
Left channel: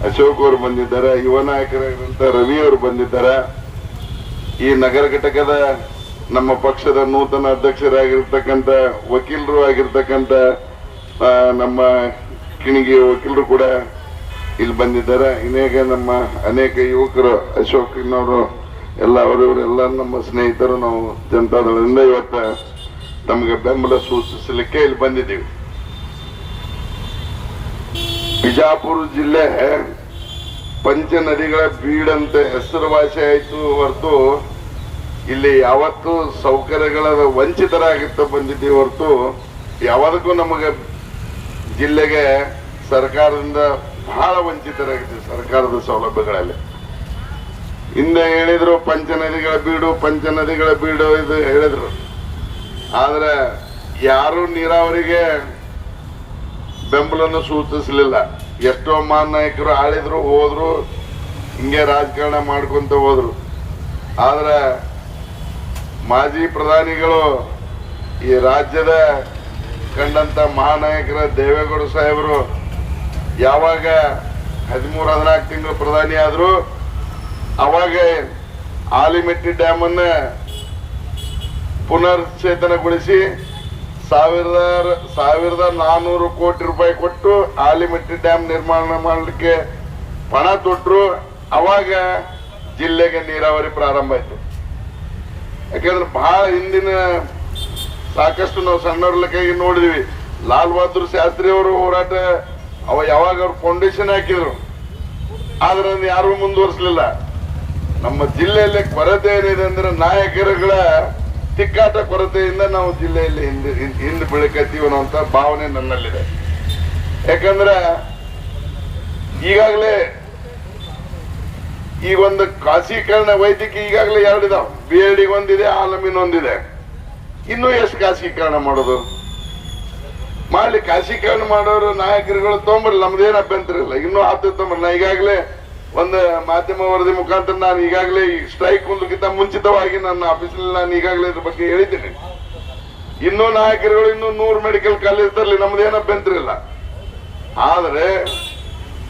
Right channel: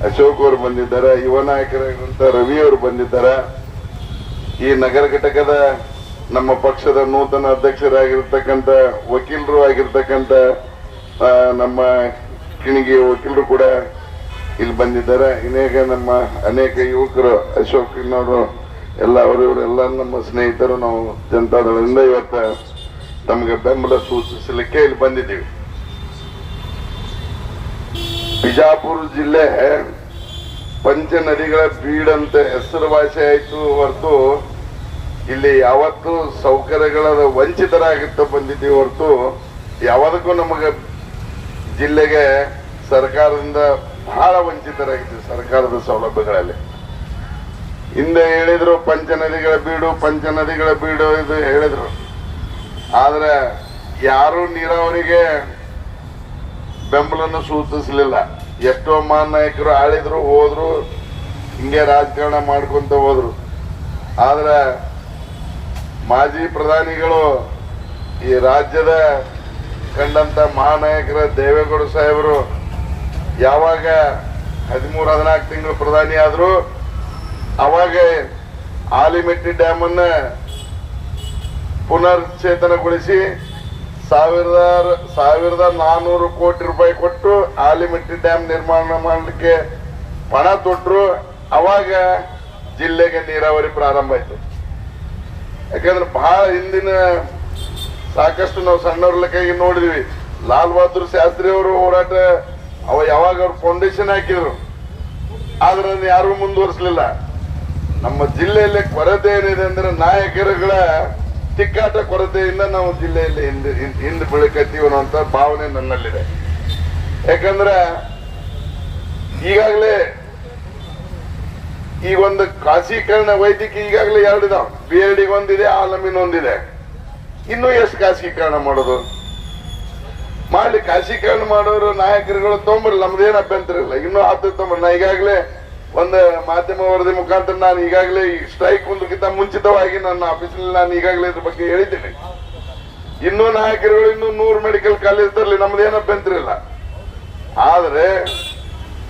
ಅಶೋಕ್ ಅವರು ಬಂದಿದ್ದಾರೆ, ಯುವ ನಾಯಕರಾಗಿರುವಂತ ರವಿ ಅವರು ಬಂದಿದ್ದಾರೆ. ಈ ನಗರ ಘಟಕದ ನಮ್ಮ ಪಕ್ಷದ ನೂತನ ಅಧ್ಯಕ್ಷರಾಗಿರ್ತಕ್ಕಂಥ ವಕೀಲರು ಆಗಿರ್ತಕ್ಕಂಥ ನಮ್ಮ ಕಿಣಿಗೆ ವಕೀಲರು ಕೂಡ ಇಲ್ಲಿ ಬಂದಿದ್ದಾರೆ. ಇನ್ನೇಕ ನಮ್ಮ ಅನೇಕ ಯುವಕರು, ಅಶೋಕ್ ಇನ್ನವರು ಎಲ್ಲ ಅವರವರೆಲ್ಲ ನಮ್ಮ ಸ್ನೇಹಿತರು ನಾವು ಜನತಾದಳದಿಂದ ಇವತ್ತು ನಮಗೆ ಬೆಂಬಲ ಸೂಚಿಸಲಿಕ್ಕೆ ಇಲ್ಲಿ ಬಂದಿದ್ದೀವಿ. ಬಿಜಾಪುರ ಜಿಲ್ಲೆ ಪಂಚ ನದಿಗಳ ಬೀಡಂತ ಹೆಸರುವಾಸಿ ಆಯ್ತು ಹೊರತು ಇಲ್ಲಿ ಯಾವತ್ತೂ ಸೌಕರ್ಯಗಳ ವಂಚಿತರಾಗಿತ್ತು ಬಂದಿದ್ದೀವಿ ಹೊರತು ಯಾವದಕ್ಕೂ ನಮಗೆ ಜಿಲ್ಲೆಗೆ ಸರ್ಕಾರದಿಂದ ಬಹಳ ವಂಚಿತರಾಗಿದ್ದೀವಿ ಸರ್ಕಾರದ ಸೌಲಭ್ಯಗಳಲ್ಲಿ. ಹಿಂದೆ ಹೇಳಿದ್ರು ಪಂಚ ನದಿಗಳ ಬೀಡು, ಪಂಚ ನದಿಗಳ ಬೀಡು ಇದು ಹೇಳಿದ್ರು. ಆದ್ರೆ ಯಾರು ನೀರಾವರಿಗೆ ಬೆಂಬಲವನ್ನು ಸೂಚಿಸಲಿಲ್ಲ. ಎಷ್ಟೋ ಮಾನ್ ನಾಯಕರು ಆಳಿದ್ರು, ಹೋದ್ರು, ಹಿಂಗೆ ರಾಜಕಾರಣ ಮಾಡ್ಕೊಂತ ಹೋದ್ರು. ಆದ್ರೆ ಮಾಜಿ ಪ್ರಧಾನಿಗಳು ಈ ರಾಜ್ಯದ ಕಂಡಂತ ಮಹಾನಾಯಕರ ದೇವೇಗೌಡ ಸಾಹೇಬರು ಯಾವಾಗ ಹದಿಮೂರು, ಹದಿನಾಲ್ಕು ತಿಂಗಳು ಪ್ರಧಾನಿ ಆದ್ರು, ಅವಾಗ ಆಲಿಮೆಟ್ಟಿ ಡ್ಯಾಮ್ ಅನ್ನ ಪುನರ್ಚೇತನಗೊಳಿಸಿ ಸಾವಿರದ ಸಾವಿರದ ನಾನೂರು ಕೋಟಿ ರೂಪಾಯಿ ಕೊಟ್ಟು ಆಲಿಮಟ್ಟಿ ಡ್ಯಾಮ್ ನಿರ್ಮಾಣ ಮಾಡಲಿಕ್ಕೆ ಪಣ ತೊಟ್ಟರು ಅವಾಗ ಜಿಲ್ಲೆಗೆ ನೀರಾವರಿ ಪ್ರಾರಂಭ ಆಯ್ತು. ಯಾಕಂದ್ರೆ ಬಹಳ ಹಿಂದಿನ ಸಾಕಷ್ಟು ನಾವು ಸಣ್ಣವರ್ಲಕ್ಕಾಗಿ ನೋಡಿದ್ವಿ. ಲಾಲ್ ಬಹದ್ದೂರ್ ಶಾಸ್ತ್ರಿ ಅವರು ಹೋರಾಟ ಅವ ಯಾವಾಗ ಅವ್ರು ಫೌಂಡೇಶನ್ ಹಾಕಿದ್ರು. ಆದ್ರೆ ಅದನ್ನ ಯಾರು ಮುಂದುವರಿಸಲಿಲ್ಲ. ನಮ್ಮ ಜಿಲ್ಲೆಯಲ್ಲಿ ಕೊರತೆ ಏನಿದೆ ಅಂದ್ರೆ ನಾಯಕರುಗಳ ತಿಕ್ಕಾಟ ಕೊರತೆಯಿಂದ ನಾವು ಜಿಲ್ಲೆಯಲ್ಲಿ ಹಿಂದೆ ಹಿಂದೆ- ಬೆಳಕತ್ತೀವಿ ಅನ್ನುವಂತ ಭಾವನೆ ನನ್ನಲ್ಲಿದೆ. ಯಾಕಂದ್ರೆ ಈಗಾಗಲೇ ಈಗ ಒಂದು ಖಾಸೀಕರಣ ವೈದ್ಯಕೀಯ ಈಗಾಗಲೇ ಎರಡಿದಾವ್. ಬಿ ಎಲ್ ಒಂದಿದೆ ಆಲಮಿನ್ ಒಂದಿದೆ ಇನ್ನೂ ಎಷ್ಟು ಖಾಸೀಕರಣ ಮಾಡೋದು? ಮಾಡಿ ಖಾಸೀಕರಣ ಮಾಡೋರು ನಾಯಕರುಗಳು ತೊಗೊಂಬರ್ಲಿ ನಮ್ದೇನು ಅಭ್ಯಂತರ ಇಲ್ಲ. ಇನ್ನೂ ಹತ್ತು ತೊಗೊಂಬರ್ಲಿ ನಾ ಈಗಾಗಲೇ ಒಂದು ಮಾಧ್ಯಮ ವರದಿ ಮುಖಾಂತರ ನಾನು ಈಗಾಗಲೇ ಈ ಸ್ಟ್ರೈಕ್ ಒಂದಕ್ಕಿಂತ ಮುಂಚಿತವಾಗಿ ನನ್ನ ಆಫೀಸಲ್ಲಿ ನಾನು ಈಗಾಗಲೇ ಇದ್ರ ಬಗ್ಗೆ ಹೇಳಿದ್ದೇನೆ. ಇನ್ನೂ ನಾಯಕರುಗಳು ಇನ್ನೂ ನೂರು ಮೆಡಿಕಲ್ ಕಾಲೇಜ್ ತರಲಿ ನಮ್ದೇನ ಅಭ್ಯಂತರ ಇಲ್ಲ ಆದರೆ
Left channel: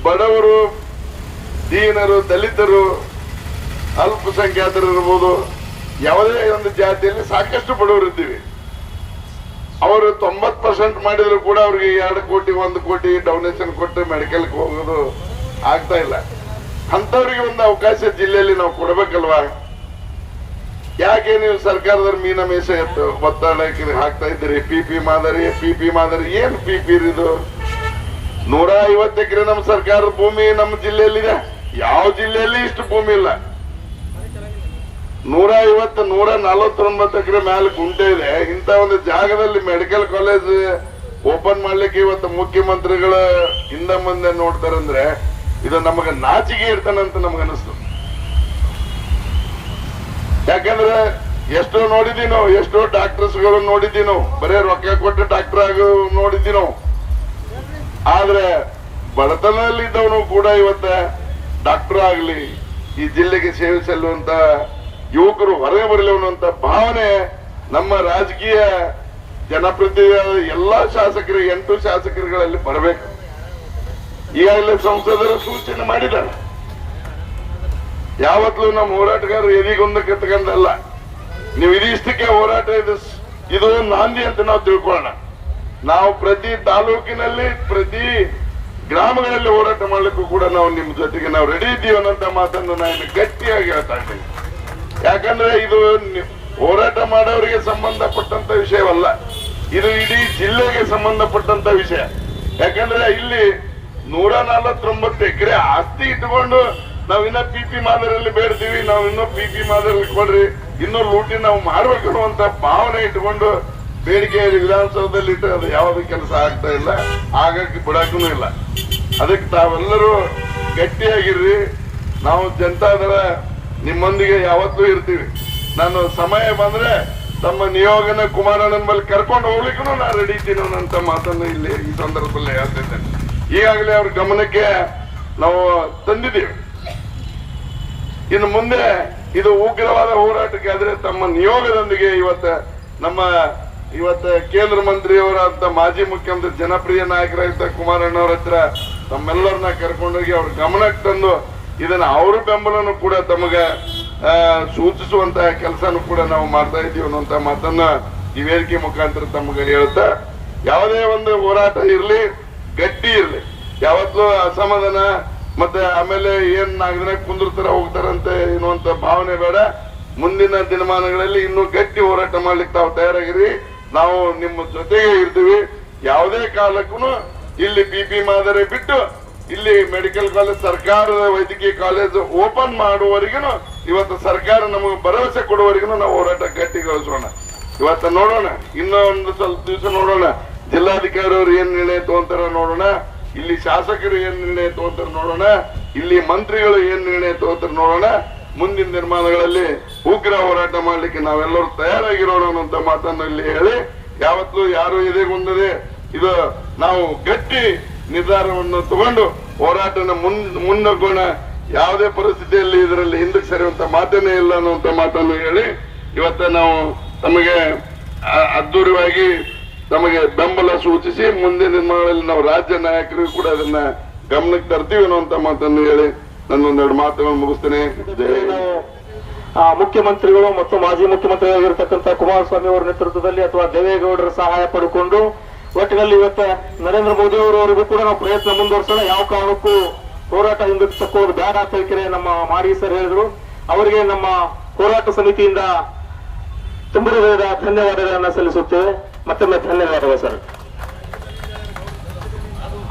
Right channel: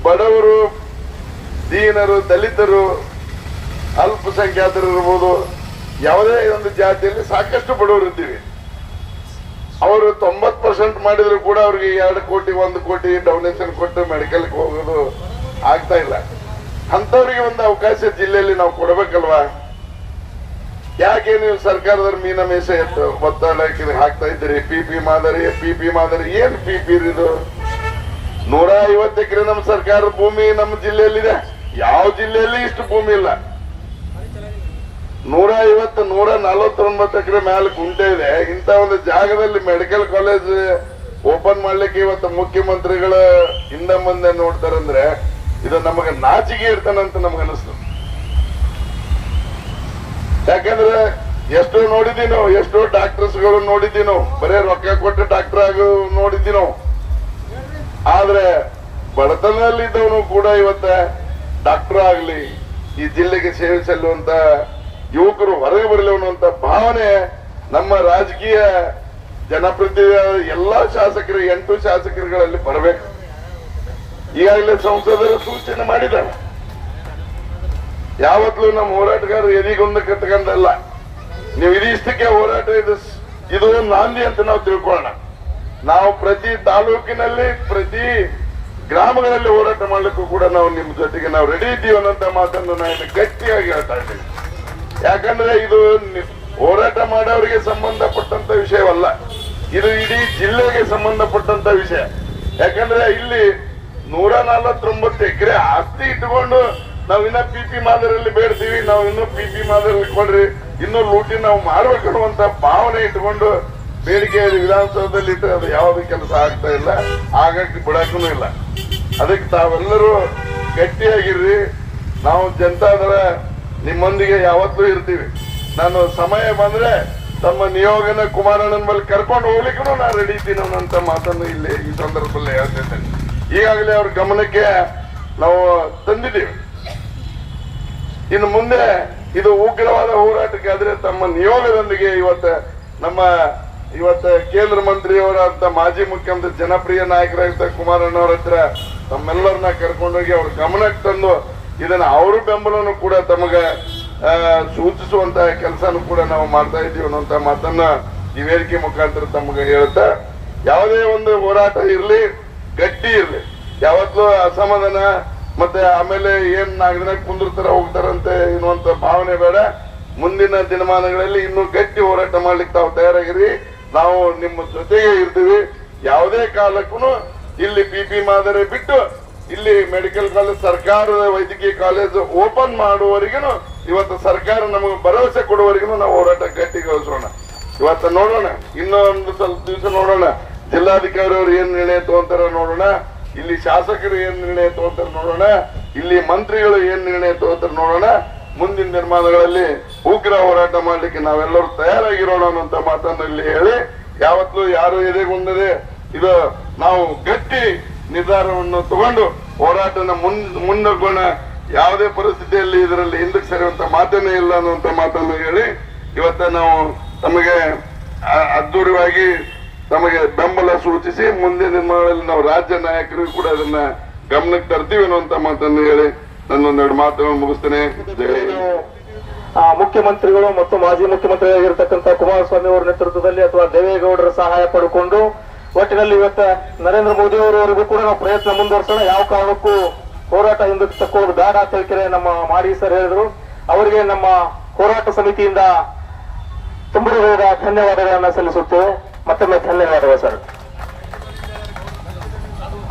ಬಡವರು, ದೀನರು, ದಲಿತರು, ಅಲ್ಪಸಂಖ್ಯಾತರು ಇರ್ಬೋದು, ಯಾವುದೇ ಒಂದು ಜಾತಿಯಲ್ಲಿ ಸಾಕಷ್ಟು ಬಡವರು ಇದ್ದೀವಿ. ಅವರು ತೊಂಬತ್ ಪರ್ಸೆಂಟ್ ಮಾಡಿದ್ರು ಕೂಡ ಅವ್ರಿಗೆ ಎರಡು ಕೋಟಿ, ಒಂದು ಕೋಟಿ ಡೊನೇಷನ್ ಕೊಟ್ಟು ಮೆಡಿಕಲ್ಗೆ ಹೋಗೋದು ಆಗ್ತಾ ಇಲ್ಲ. ಅಂತವ್ರಿಗೆ ಒಂದು ಅವಕಾಶ ಜಿಲ್ಲೆಯಲ್ಲಿ ನಾವು ಕೊಡಬೇಕಲ್ವಾ? ಯಾಕೆ ನೀವು ಸರ್ಕಾರದವ್ರ ಮೀನ ಮೇಸೆ ಒತ್ತಡ ಹಾಕ್ತಾ ಇದ್ದೀರಿ? ಪಿ ಪಿ ಮಾದರಿ ಪಿ ಪಿ ಮಾದರಿ, ಏನ್ ಪಿ ಪಿ ಇದು? ನೂರ ಐವತ್ತು ಎಕರೆ ನಮ್ಮ ಸರ್ಕಾರದ ಭೂಮಿ ನಮ್ಮ ಜಿಲ್ಲೆಯಲ್ಲಿದೆ. ಯಾವ ಜಿಲ್ಲೆಯಲ್ಲಿ ಇಷ್ಟು ಭೂಮಿ ಇಲ್ಲ? ನೂರ ಐವತ್ತು, ನೂರ ನಲವತ್ತೊಂಬತ್ತು ಎಕರೆ ಮೇಲೆ ಗುಂಟೆ ಇದೆ. ಇಂತ ಒಂದು ಜಾಗದಲ್ಲಿ ಮೆಡಿಕಲ್ ಕಾಲೇಜ್ ಓಪನ್ ಮಾಡ್ಲಿಕ್ಕೆ ಇವತ್ತು ಮುಖ್ಯಮಂತ್ರಿಗಳ ಹಿಂದೆ ಮುಂದೆ ನೋಡ್ತಾರಂದ್ರೆ ಇದು ನಮಗೆ ನಾಚಿಗೆ ಇರ್ತಾನಂತ ನಮ್ಗೆ ಅನಿಸ್ತು. ಯಾಕಂದ್ರೆ ಎಷ್ಟೋ ನೋಡಿದೀವಿ ನಾವು, ಎಷ್ಟೋ ಡಾಕ್ಟರ್ಸ್ಗಳು ನಾವು. ಬರೇ ರೊಕ್ಕ ಕೊಟ್ಟು ಡಾಕ್ಟರ್ ಆಗ ನೋಡಿದೀವಿ ನಾವು. ಆದ್ರೆ ಬಡತನದಲ್ಲಿದ್ದವನು ಕೂಡ ಇವತ್ತ ಡಾಕ್ಟರ್ ಆಗ್ಲಿ, ಈ ಜಿಲ್ಲೆಗೆ ಸೇವೆ ಸಲ್ಲುವಂತ ಯುವಕರು ಹೊರಗೆ ಬರಲಿವಂತ ಭಾವನೆ ನಮ್ಮ ರಾಜಕೀಯ ಜನಪ್ರತಿನಿಧಿ ಎಲ್ಲಾ ಶಾಸಕರು, ಎಂಟು ಶಾಸಕರುಗಳಲ್ಲಿ ಬರಬೇಕು. ಈಗಾಗಲೇ ಸಂಸದರ ಸೂಚನೆ ಮಾಡಿದ್ದಾರೆ. ಯಾವತ್ತೂ ನಮ್ಮ ಹೋರಾಟಗಾರರು ಎದಿಗೊಂದು ಕಟ್ಕೊಂಡಲ್ಲ ನೀವು ಇದಿಷ್ಟಕ್ಕೆ ಹೋರಾಟ ಇದು. ಇದು ನಾಂದಿ ಅಂತ ನಾವು ತಿಳ್ಕೊಳ್ಳೋಣ. ನಾವು ಪ್ರತಿ ತಾಲೂಕಿನಲ್ಲಿ, ಪ್ರತಿ ಗ್ರಾಮಗಳಲ್ಲಿ ಹೋರಾಟ ಮಾಡಲಿಕ್ಕೂ ಕೂಡ ನಾವು ನಿಮ್ಮ ಜೊತೆಗೆ ನಾವು ರೆಡಿ ಇದ್ದೀವಿ ಅನ್ನೋಂತ ಮಾತನ್ನು ನಾನು ಗಟ್ಟಿಯಾಗಿ ಹೇಳ್ತಾ ಇದ್ದೀನಿ. ಯಾಕಂದ್ರೆ ಇದು ಹೋರಾಟ ಮಾಡೋರಿಗೆ ಸಂಬಂಧಪಟ್ಟಂತ ವಿಷಯವಲ್ಲ. ಇದು ಇಡೀ ಜಿಲ್ಲೆಗೆ ಸಂಬಂಧಪಟ್ಟಂತ ವಿಷಯ. ಯಾಕಂದ್ರೆ ಇಲ್ಲಿ ನೂರ ನಲವತ್ತೊಂಬತ್ತು ಎಕರೆ ಆಸ್ತಿ ಇಟ್ಕೊಂಡು ನಾವಿನ್ನ ಪಿ ಪಿ ಮಾದರಿಯಲ್ಲಿ ಬೇಡ್ತೀವಿ ನಾವು ಇನ್ನೂ ಪಿ ಪಿ ಮಾದರಿಯಲ್ಲಿ ಕೊಡ್ರಿ ಇನ್ನೂ ಲೂಟಿ ನಾವು ಮಾಡ್ಬೇಕು ಭಾವನೆ ಇಟ್ಕೊಂಡು ಬೇಡಿಕೆ ವಿಧಾನಸೌಧದಲ್ಲಿ ಇಟ್ಟು ಅದು ಯಾವ್ದು ಕೆಲಸ ಆಗ್ತಾ ಇಲ್ಲ. ಆಗಕ್ಕೆ ಬಿಡಕ್ಕೂ ಇಲ್ಲ. ಅದಕ್ಕೆ ತಾವೆಲ್ಲರೂ ಗಟ್ಟಿಯಾಗಿರ್ರಿ. ನಾವು ಜನತಾದರ ನಿಮ್ಮೊಂದಿಗೆ ಯಾವತ್ತೂ ಇರ್ತೀವಿ. ನಾನು ಸಮಯ ಬಂದ್ರೆ ತಮ್ಮ ನಿಯೋಗನ ಕುಮಾರಣ್ಣನ ಮೇಲೆ ಕರ್ಕೊಂಡು ಹೋಗ್ಲಿಕ್ಕೂ ನಾನು ರೆಡಿ ಇದ್ದೀನಿ ಮಾತನ್ನು ಇಲ್ಲಿ ಈ ಸಂದರ್ಭದಲ್ಲಿ ಹೇಳ್ತಿದ್ದೇನೆ. ಈಗಾಗಲೇ ಅವ್ರ ಗಮನಕ್ಕೆ ನಾವು ತಂದಿದ್ದೀವಿ. ಇನ್ನು ಮುಂದೆ ಇದು ಉಗ್ರವಾದ ಹೋರಾಟಕ್ಕೆ ಆದ್ರೆ ತಮ್ಮ ನಿಯೋಗದೊಂದಿಗೆ ಇವತ್ತ ನಮ್ಮ ಇವತ್ತ ಕೇಂದ್ರ ಮಂತ್ರಿಯವರಂತ ಮಾಜಿ ಮುಖ್ಯಮಂತ್ರಿ ಜನಪ್ರಿಯ ನಾಯಕರಾಗಿದ್ದ ಕುಮಾರಣ್ಣವ್ರ ಹತ್ರ ತಮ್ಮೆಲ್ಲರನ್ನ ಕರ್ಕೊಂಡೋಗಿ ಅವ್ರ ಗಮನಕ್ಕೆ ತಂದು ಇದನ್ನ ಅವ್ರ ಬೆಂಬಲನು ಕೂಡ ತಮಗ ಸೂಚಿಸುವಂತಹ ಸೂಚಿಸುವಂತ ಕೆಲಸನೂ ಕೂಡ ನಾವು ಮಾಡ್ತಾ ಇದ್ದೀವಿ ಅನ್ನೋಂತ ಮಾತನ್ನ ಈ ವೇದಿಕೆ ಮುಖಾಂತರ ತಮಗೆ ಹೇಳುತ್ತ, ಯಾವುದೇ ಒಂದು ಹೋರಾಟ ಇರ್ಲಿ ಗಟ್ಟಿ ಇರಲಿ. ಯಾವತ್ತೂ ಅಸಮಾಧಾನ, ಮತ್ತೆ ಆಮೇಲೆ ಏನ್ ನಾಲ್ಕು ಕುಂದಿರ್ತಾರ ಹೋಗ್ತಾರಂತೆ ಅನ್ನುವಂತ ಭಾವನೆ ಬೇಡ. ಮುಂದಿನ ದಿನಮಾನಗಳಲ್ಲಿ ಇನ್ನೂ ಗಟ್ಟಿ ಹೋರಾಟ ಮಾಡ್ಲಿಕ್ಕೆ ತಾವು ತಯಾರಾಗಿರಿ. ನಾವು ನಿಮ್ಮ ಜೊತೆಗೆ ಇರ್ತೀವಿ. ಯಾವುದೇ ಕಾಲಕ್ಕೂ ಇಲ್ಲಿ ಪಿ ಪಿ ಮಾದರಿ ಬಿಟ್ಟು ಇಲ್ಲಿ ಮೆಡಿಕಲ್ ಕಾಲೇಜ್, ಸರ್ಕಾರದ ವೈದ್ಯಕೀಯ ಕಾಲೇಜ್ ಓಪನ್ ಮಾಡುವವರೆಗೂ ಇವತ್ತು ಸರ್ಕಾರ ನಮಗೆ ಭರವಸೆ ಕೊಡುವವರೆಗೂ ನಾವು ಹೋರಾಟ ಗಟ್ಟಿಗೊಳಿಸೋಣ ಇವತ್ತು ನೋಡೋಣ. ಇನ್ನೊಂದು ಸ್ವಲ್ಪ ದಿವಸ ನೋಡೋಣ. ಜಿಲ್ಲಾಧಿಕಾರಿ ಅವರು ಏನ್ ನಿರ್ಣಯ ತಗೊಂತಾರ ನೋಡೋಣ, ಇಲ್ಲಿ ಶಾಸಕರು ಏನ್ ನಿರ್ಣಯ ತಗೋತಾರ ನೋಡೋಣ, ಇಲ್ಲಿ ಮಂತ್ರಿಗಳು ಏನ್ ನಿರ್ಣಯ ತಗೋತಾರ ನೋಡೋಣ, ಮುಂದಿನ ನಿರ್ಮಾಣಗಳಲ್ಲಿ ಉಗ್ರ ಹೋರಾಟ ಮಾಡ್ಲಿಕ್ಕೆ ನಾವೆಲ್ಲರೂ ತಯಾರಾಗಿರೋಣ ಅನ್ನೋಂತ ಮಾತನ್ನು ಇಲ್ಲಿ ಹೇಳಿ, ಯಾವತ್ತೂ ಯಾರು ಎದೆಗುಂದದೆ ಇದು ನಾವು ಗಟ್ಟಿ ನಿರ್ಧಾರವನ್ನು ತಗೊಂಡು ಹೋರಾಟನ ಮುನ್ ಮುನ್ನಗೋಣ ಯಾವುದೇ ಪರಿಸ್ಥಿತಿಯಲ್ಲಿ ಇದರಲ್ಲಿ ಹಿಂದಕ್ಕೆ ಸರಿಯುವಂತ ಮಾತನೇ ಇಲ್ಲ ಅನ್ನುವಂತ ಮಾತನ್ನು ಹೇಳಿ, ಇವತ್ತ ನಾವು ತಮಗೆ ಅ- ತಮಗೆ ಬೆಂಬಲ ಸೂಚಿಸಿ ಮುಂದಿನ ದಿನಗಳಲ್ಲಿ ನಾವು ರಾಜ್ಯ ನಾಯಕರಿಗೂ ಕೂಡ ಇದನ್ನ ಗಮನಕ್ಕೆ ತರ್ತೀವಿ ಅನ್ನುವಂತ ಮಾತನ್ನು ಹೇಳಿ ನನ್ನೊಂದೆರಡು ಮಾತನ್ನು ಮುಗಿಸ್ತೇನೆ. ಮುಖ್ಯಮಂತ್ರಿಗಳು ಮತ್ತು ಮಾಜಿ ಮುಖ್ಯಮಂತ್ರಿಯಾಗಿರ್ತಕ್ಕಂಥ ಕುಮಾರಸ್ವಾಮಿ ಅವರ ನೇತೃತ್ವದಲ್ಲಿ ಅಥವಾ ದೇವೇಗೌಡರ ಸಹಾಯ ಪಡ್ಕೊಂಡು ಒಟ್ಟಿನಲ್ಲಿ ಇವತ್ತ ನರೇಂದ್ರ ಮೋದಿ ಅವರವರೆಗೂ ಕೂಡ ನಾವು ಪ್ರಯತ್ನ ಮುಂದುವರೆಸೋಣ. ಯಾವ ಕಾರಣಕ್ಕೂ ಹೋರಾಟ ಹಿಂದಕ್ಕೆ ತಕ್ಕೋದು ಬೇಡ ಅಂತ ಹೇಳಿಕೆ ನಮ್ಮ ಮಾಡಿ ಸರ್ ಹೇಳಿದ್ರು. ಅವರಿಗೆ ನಮ್ಮ ಹೋರಾಟ ಸಮಿತಿಯಿಂದ ತುಂಬ ಧನ್ಯವಾದಗಳನ್ನ ಸಲ್ಲಿಸುತ್ತೇವೆ. ಮತ್ತೊಮ್ಮೆ ಧನ್ಯವಾದಗಳು, ಸರ್.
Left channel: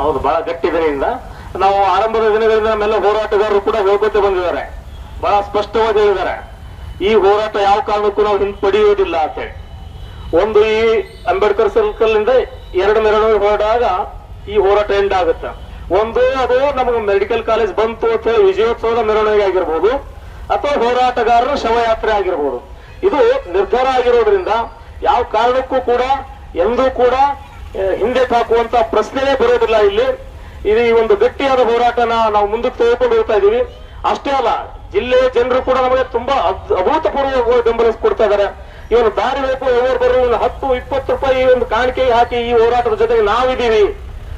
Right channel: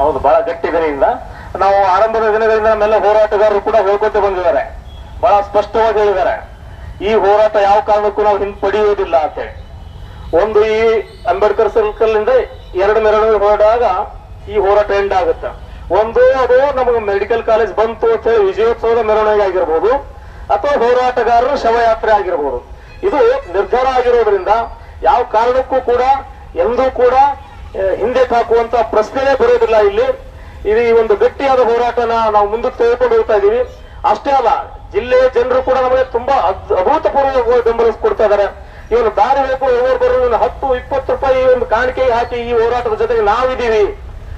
ಹೌದು, ಬಹಳ ಗಟ್ಟಿ ದಿನದಿಂದ ನಾವು ಆರಂಭದ ದಿನಗಳಿಂದ ನಮ್ಮೆಲ್ಲ ಹೋರಾಟಗಾರರು ಕೂಡ ಹೇಳ್ಕೊತ ಬಂದಿದ್ದಾರೆ. ಬಹಳ ಸ್ಪಷ್ಟವಾಗಿ ಹೇಳಿದ್ದಾರೆ. ಈ ಹೋರಾಟ ಯಾವ ಕಾರಣಕ್ಕೂ ನಾವು ಹಿಂಪಡೆಯುವುದಿಲ್ಲ ಅಂತ ಹೇಳಿ. ಒಂದು ಈ ಅಂಬೇಡ್ಕರ್ ಸರ್ಕಲ್ ಇಂದ ಎರಡು ಮೆರವಣಿಗೆ ಹೊರಡಾಗ ಈ ಹೋರಾಟ ಎಂಡ್ ಆಗುತ್ತೆ. ಒಂದು ಅದು ನಮಗೆ ಮೆಡಿಕಲ್ ಕಾಲೇಜ್ ಬಂತು ಅಂತ ಹೇಳಿ ವಿಜಯೋತ್ಸವದ ಮೆರವಣಿಗೆ ಆಗಿರ್ಬೋದು, ಅಥವಾ ಹೋರಾಟಗಾರರ ಶವಯಾತ್ರೆ ಆಗಿರ್ಬೋದು. ಇದು ನಿರ್ಧಾರ ಆಗಿರೋದ್ರಿಂದ ಯಾವ ಕಾರಣಕ್ಕೂ ಕೂಡ, ಎಂದೂ ಕೂಡ ಹಿಂದೆ ತಾಕುವಂತ ಪ್ರಶ್ನೆನೇ ಬರೋದಿಲ್ಲ ಇಲ್ಲಿ. ಇದು ಈ ಒಂದು ಗಟ್ಟಿಯಾದ ಹೋರಾಟನ ನಾವು ಮುಂದಕ್ಕೆ ತೆಗೆದುಕೊಂಡು ಹೋಗ್ತಾ ಇದೀವಿ ಅಷ್ಟೇ ಅಲ್ಲ, ಜಿಲ್ಲೆಯ ಜನರು ಕೂಡ ನಮಗೆ ತುಂಬಾ ಅಭೂತಪೂರ್ವ ಬೆಂಬಲ ಕೊಡ್ತಾ ಇದ್ದಾರೆ. ಇವನು ದಾರಿ ಹೋಗುವ ಒಬ್ಬರು ಬರೋ ಹತ್ತು, ಇಪ್ಪತ್ತು ರೂಪಾಯಿ ಈ ಒಂದು ಕಾಣಿಕೆ ಹಾಕಿ ಈ ಹೋರಾಟದ ಜೊತೆಗೆ ನಾವಿದ್ದೀವಿ.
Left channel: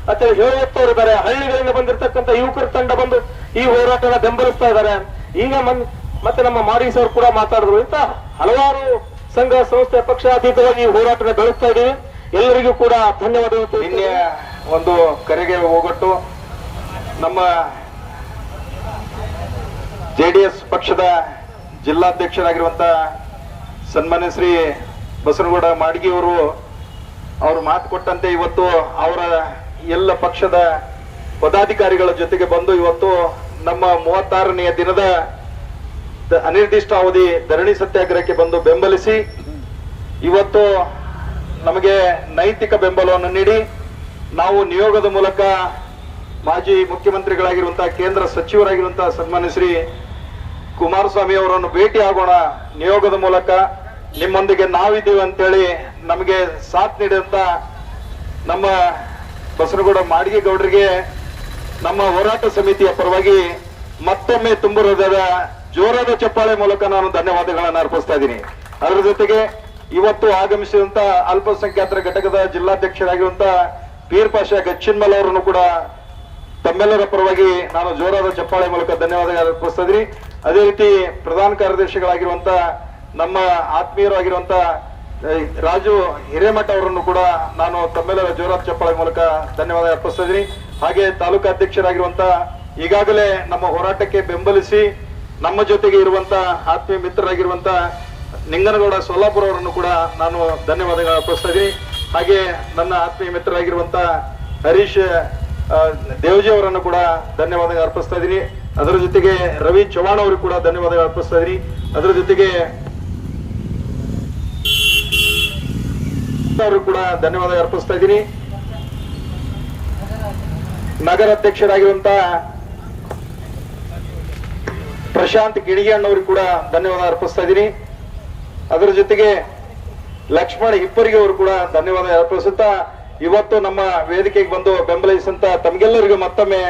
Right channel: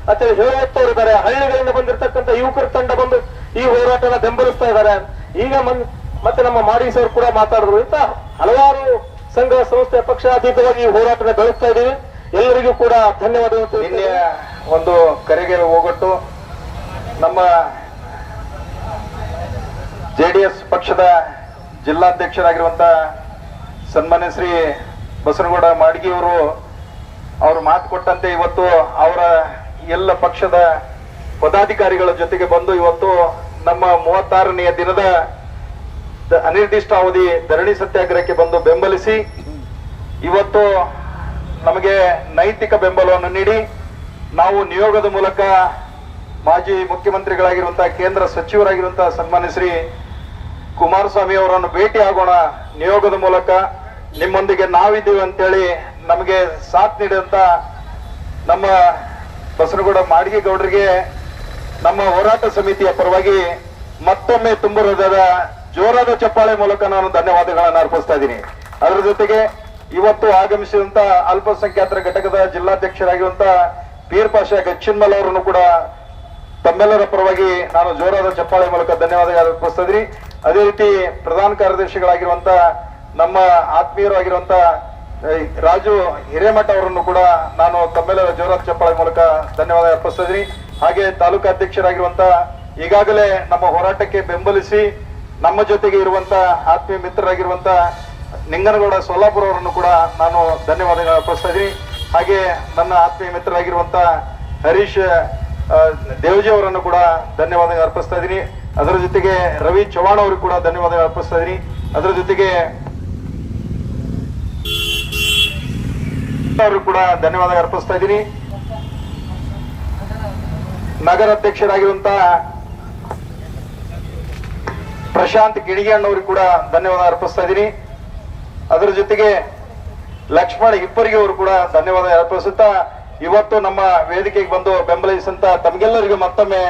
ಮತ್ತೆ ಹೇಳುತ್ತವರು ಇದ್ದಾರೆ ಹಳ್ಳಿಗಳಿಂದ ಬಂದಿರತಕ್ಕಂಥ ಯುವಕರ ತಂಡ ಬಂದು ಈ ಹೋರಾಟನ ಬೆಂಬಲಿಸ್ತಾ ಇದ್ದಾರೆ. ಈಗ ಮತ್ತೆ ನಮ್ಮ ಮಾಡಿ ಸರ್ ಕೂಡ ಮಾತಾಡಿದ್ರು. ಅಂತ ಹಲವಾರು ಸಂಘ ಸಂಸ್ಥೆ ಪಕ್ಷಾತೀತವಾಗಿ ಈ ಹೋರಾಟನ ಬೆಳೆಸ್ತಾ ಇದೀವಿ ಎಲ್ಲರಿಗೂ ಕೂಡ ಧನ್ಯವಾದ ಒಂದು ಕರೆಗೆ ಹೋಗೊಟ್ಟು ನಮ್ಮ ಜೆಡಿಎಸ್ ಪಕ್ಷದ ಜಿಲ್ಲಾಧ್ಯಕ್ಷರಾಗಿರುವಂತ ಸನ್ಮಾನ್ಯ ಶ್ರೀ ಬಸನಗೌಡ ಮಾಡಗಿ ಅವರು ಮಾತು ಕೊಟ್ಟಂತೆ ಇವತ್ತು ಅವರ ಎಲ್ಲ ಪಕ್ಷದ ಪದಾಧಿಕಾರಿಗಳ ಜೊತೆಗೆ ಬಂದು ಇವತ್ತು ನಮ್ಮ ಮೂವತ್ತಾರನೆಯ ದಿನದ ಅನಿರ್ದಿಷ್ಟಾವಧಿ ಧರಣಿ ಸತ್ಯಾಗ್ರಹಕ್ಕೆ ಬಂದು ಬೆಂಬಲಿಸಿ, ಇವತ್ತು ನಮಗೆ ನೈತಿಕ ಬೆಂಬಲವನ್ನು ನೀಡಿ, ನಾವು ನಿಯೋಗದ ಮೂಲಕ ಮಾಜಿ ಮುಖ್ಯಮಂತ್ರಿಗಳಾಗಿರುವಂತಹ ಕೇಂದ್ರ ಸಚಿವರಾಗಿರುವಂತಹ ಸನ್ಮಾನ್ಯ ಶ್ರೀ ಕುಮಾರಸ್ವಾಮಿ ಅವರನ್ನು ಭೇಟಿ ಆಗೋಣ. ನಿಯೋಗದ ಮೂಲಕ ನಿಮ್ಮೊಂದಿಗೆ ನಾವಿದ್ದೀವಿ ಅಂತೇಳಿ ನಮಗೆ ಸಾಥ್ ನೀಡಿದಂತ ನಮ್ಮ ಬಸನಗೌಡ ಮಾಡಿಗೆ ಗೌಡರಿಗೆ ನಮ್ಮ ಹೋರಾಟ ಸಮಿತಿಯ ಪರವಾಗಿ ಮತ್ತೊಮ್ಮೆ ತುಂಬ ಜೋರಾದ ಚಪ್ಪಾಳೆ ಮೂಲಕ ನಾನು ಧನ್ಯವಾದಗಳನ್ನು ಅರ್ಪಿಸ್ತಾ ಇದ್ದೀನಿ. ಅದರ ಜೊತೆಗೆ ಇವತ್ತು ಆಗಮಿಸಿದಂತ ಅಲ್ಪಸಂಖ್ಯಾತರ ಘಟಕದ ಜಿಲ್ಲಾಧ್ಯಕ್ಷರಾಗಿರುವಂತ ಪೀರ್ ಪಾಷಾ ಗಚ್ಚಿನ್ಮಲ್ ಅವರನ್ನು ಕೂಡ ತಮ್ಮೆಲ್ಲರ ಪರವಾಗಿ ನಾನು ಜೋರಾದ ಚಪ್ಪಾಳೆ ಮೂಲಕ ಧನ್ಯವಾದ ಅರ್ಪಿಸ್ತಾ ಇದ್ದೀನಿ. ಅದೇ ರೀತಿ ಪ್ರಧಾನ ಕಾರ್ಯದರ್ಶಿಗಳಾಗಿರುವಂತ ನಮ್ಮ ಆತ್ಮೀಯರಾಗಿರುವಂತ ಆಗಿರುವಂತ ರಾಜು ಹಿರೇಮಠ ಅವರನ್ನು ಕೂಡ ನಾನು ತಮ್ಮೆಲ್ಲರ ಜೋರಾದ ಚಪ್ಪಾಳೆ ಮೂಲಕ ಧನ್ಯವಾದ ಅರ್ಪಿಸ್ತಾ ಇದ್ದೀನಿ. ಹಾಗೆ ತಾಲೂಕಾ ಅಧ್ಯಕ್ಷರಾಗಿರುವಂತ ಈಗಾಗಲೇ ನಮ್ಮ ಹೋರಾಟಕ್ಕೆ ಬೆಂಬಲಿಸಿ ನಮ್ಮ ಜೊತೆಗೆ ಇರುವಂತ ಆತ್ಮೀಯ ಮಿತ್ರರಾಗಿರುವಂತ ನಿಂಗನಗೌಡ ಸೊಲ್ಲಾಪುರ ಅವರನ್ನು ಕೂಡ ನಾನು ಧನ್ಯವಾದಗಳು ಅರ್ಪಿಸ್ತಾ ಇದ್ದೀನಿ. ಹಾಗೆ ನನ್ನ ಆತ್ಮೀಯ ಮಿತ್ರರಾಗಿರುವಂತ ಹರೀಶ್ ದೇವಜಿ ಅವರನ್ನು ಕೂಡ ಧನ್ಯವಾದ ಅರ್ಪಿಸ್ತಾ ಇದ್ದೀನಿ. ಅದರ ಜೊತೆಗೆ ರವಿ ಚೌಹಾಣ್ ಅವರು ಕೂಡ ಧನ್ಯವಾದ ಅರ್ಪಿಸ್ತಾ ಇದ್ದೀನಿ. ಅದರ ಜೊತೆಗೆ ಅವರು ಕೂಡ ಧನ್ಯವಾದ ಅರ್ಪಿಸ್ತಾ ಇದ್ದೀನಿ. ನಗರ ಅಧ್ಯಕ್ಷರಾಗಿರುವಂತ ಪ್ರಶಾಂತ್ ಕಿಡಿಗಣ್ಣವ್ರಿಗೆ ಕೂಡ ಧನ್ಯವಾದ ಅರ್ಪಿಸ್ತಾ ಇದ್ದೀನಿ. ಅದರ ಜೊತೆಗೆ ಲಕ್ಷ್ಮಣ್ ಇಬ್ಬರಿಗೆ ಅವರು ಕೂಡ ಧನ್ಯವಾದ ಅರ್ಪಿಸುತ್ತಾ, ಇವತ್ತು ನಮ್ಮ ವೇದಿಕೆಗೆ ಬಂದು ಬೆಂಬಲಿಸಿದಂತ ತಮಗೆಲ್ಲರಿಗೂ ಮತ್ತೊಮ್ಮೆ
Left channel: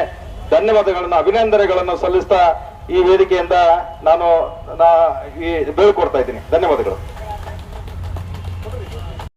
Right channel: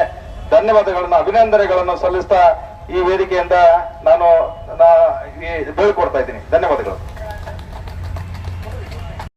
ಧನ್ಯವಾದಗಳನ್ನು, ಅಭಿನಂದನೆಗಳನ್ನು ಸಲ್ಲಿಸ್ತಾ ಈ ವೇದಿಕೆಯಿಂದ ನಾನು ಈ ಬೀಳ್ಕೊಡ್ತಾ ಇದ್ದೀನಿ. ಧನ್ಯವಾದಗಳು.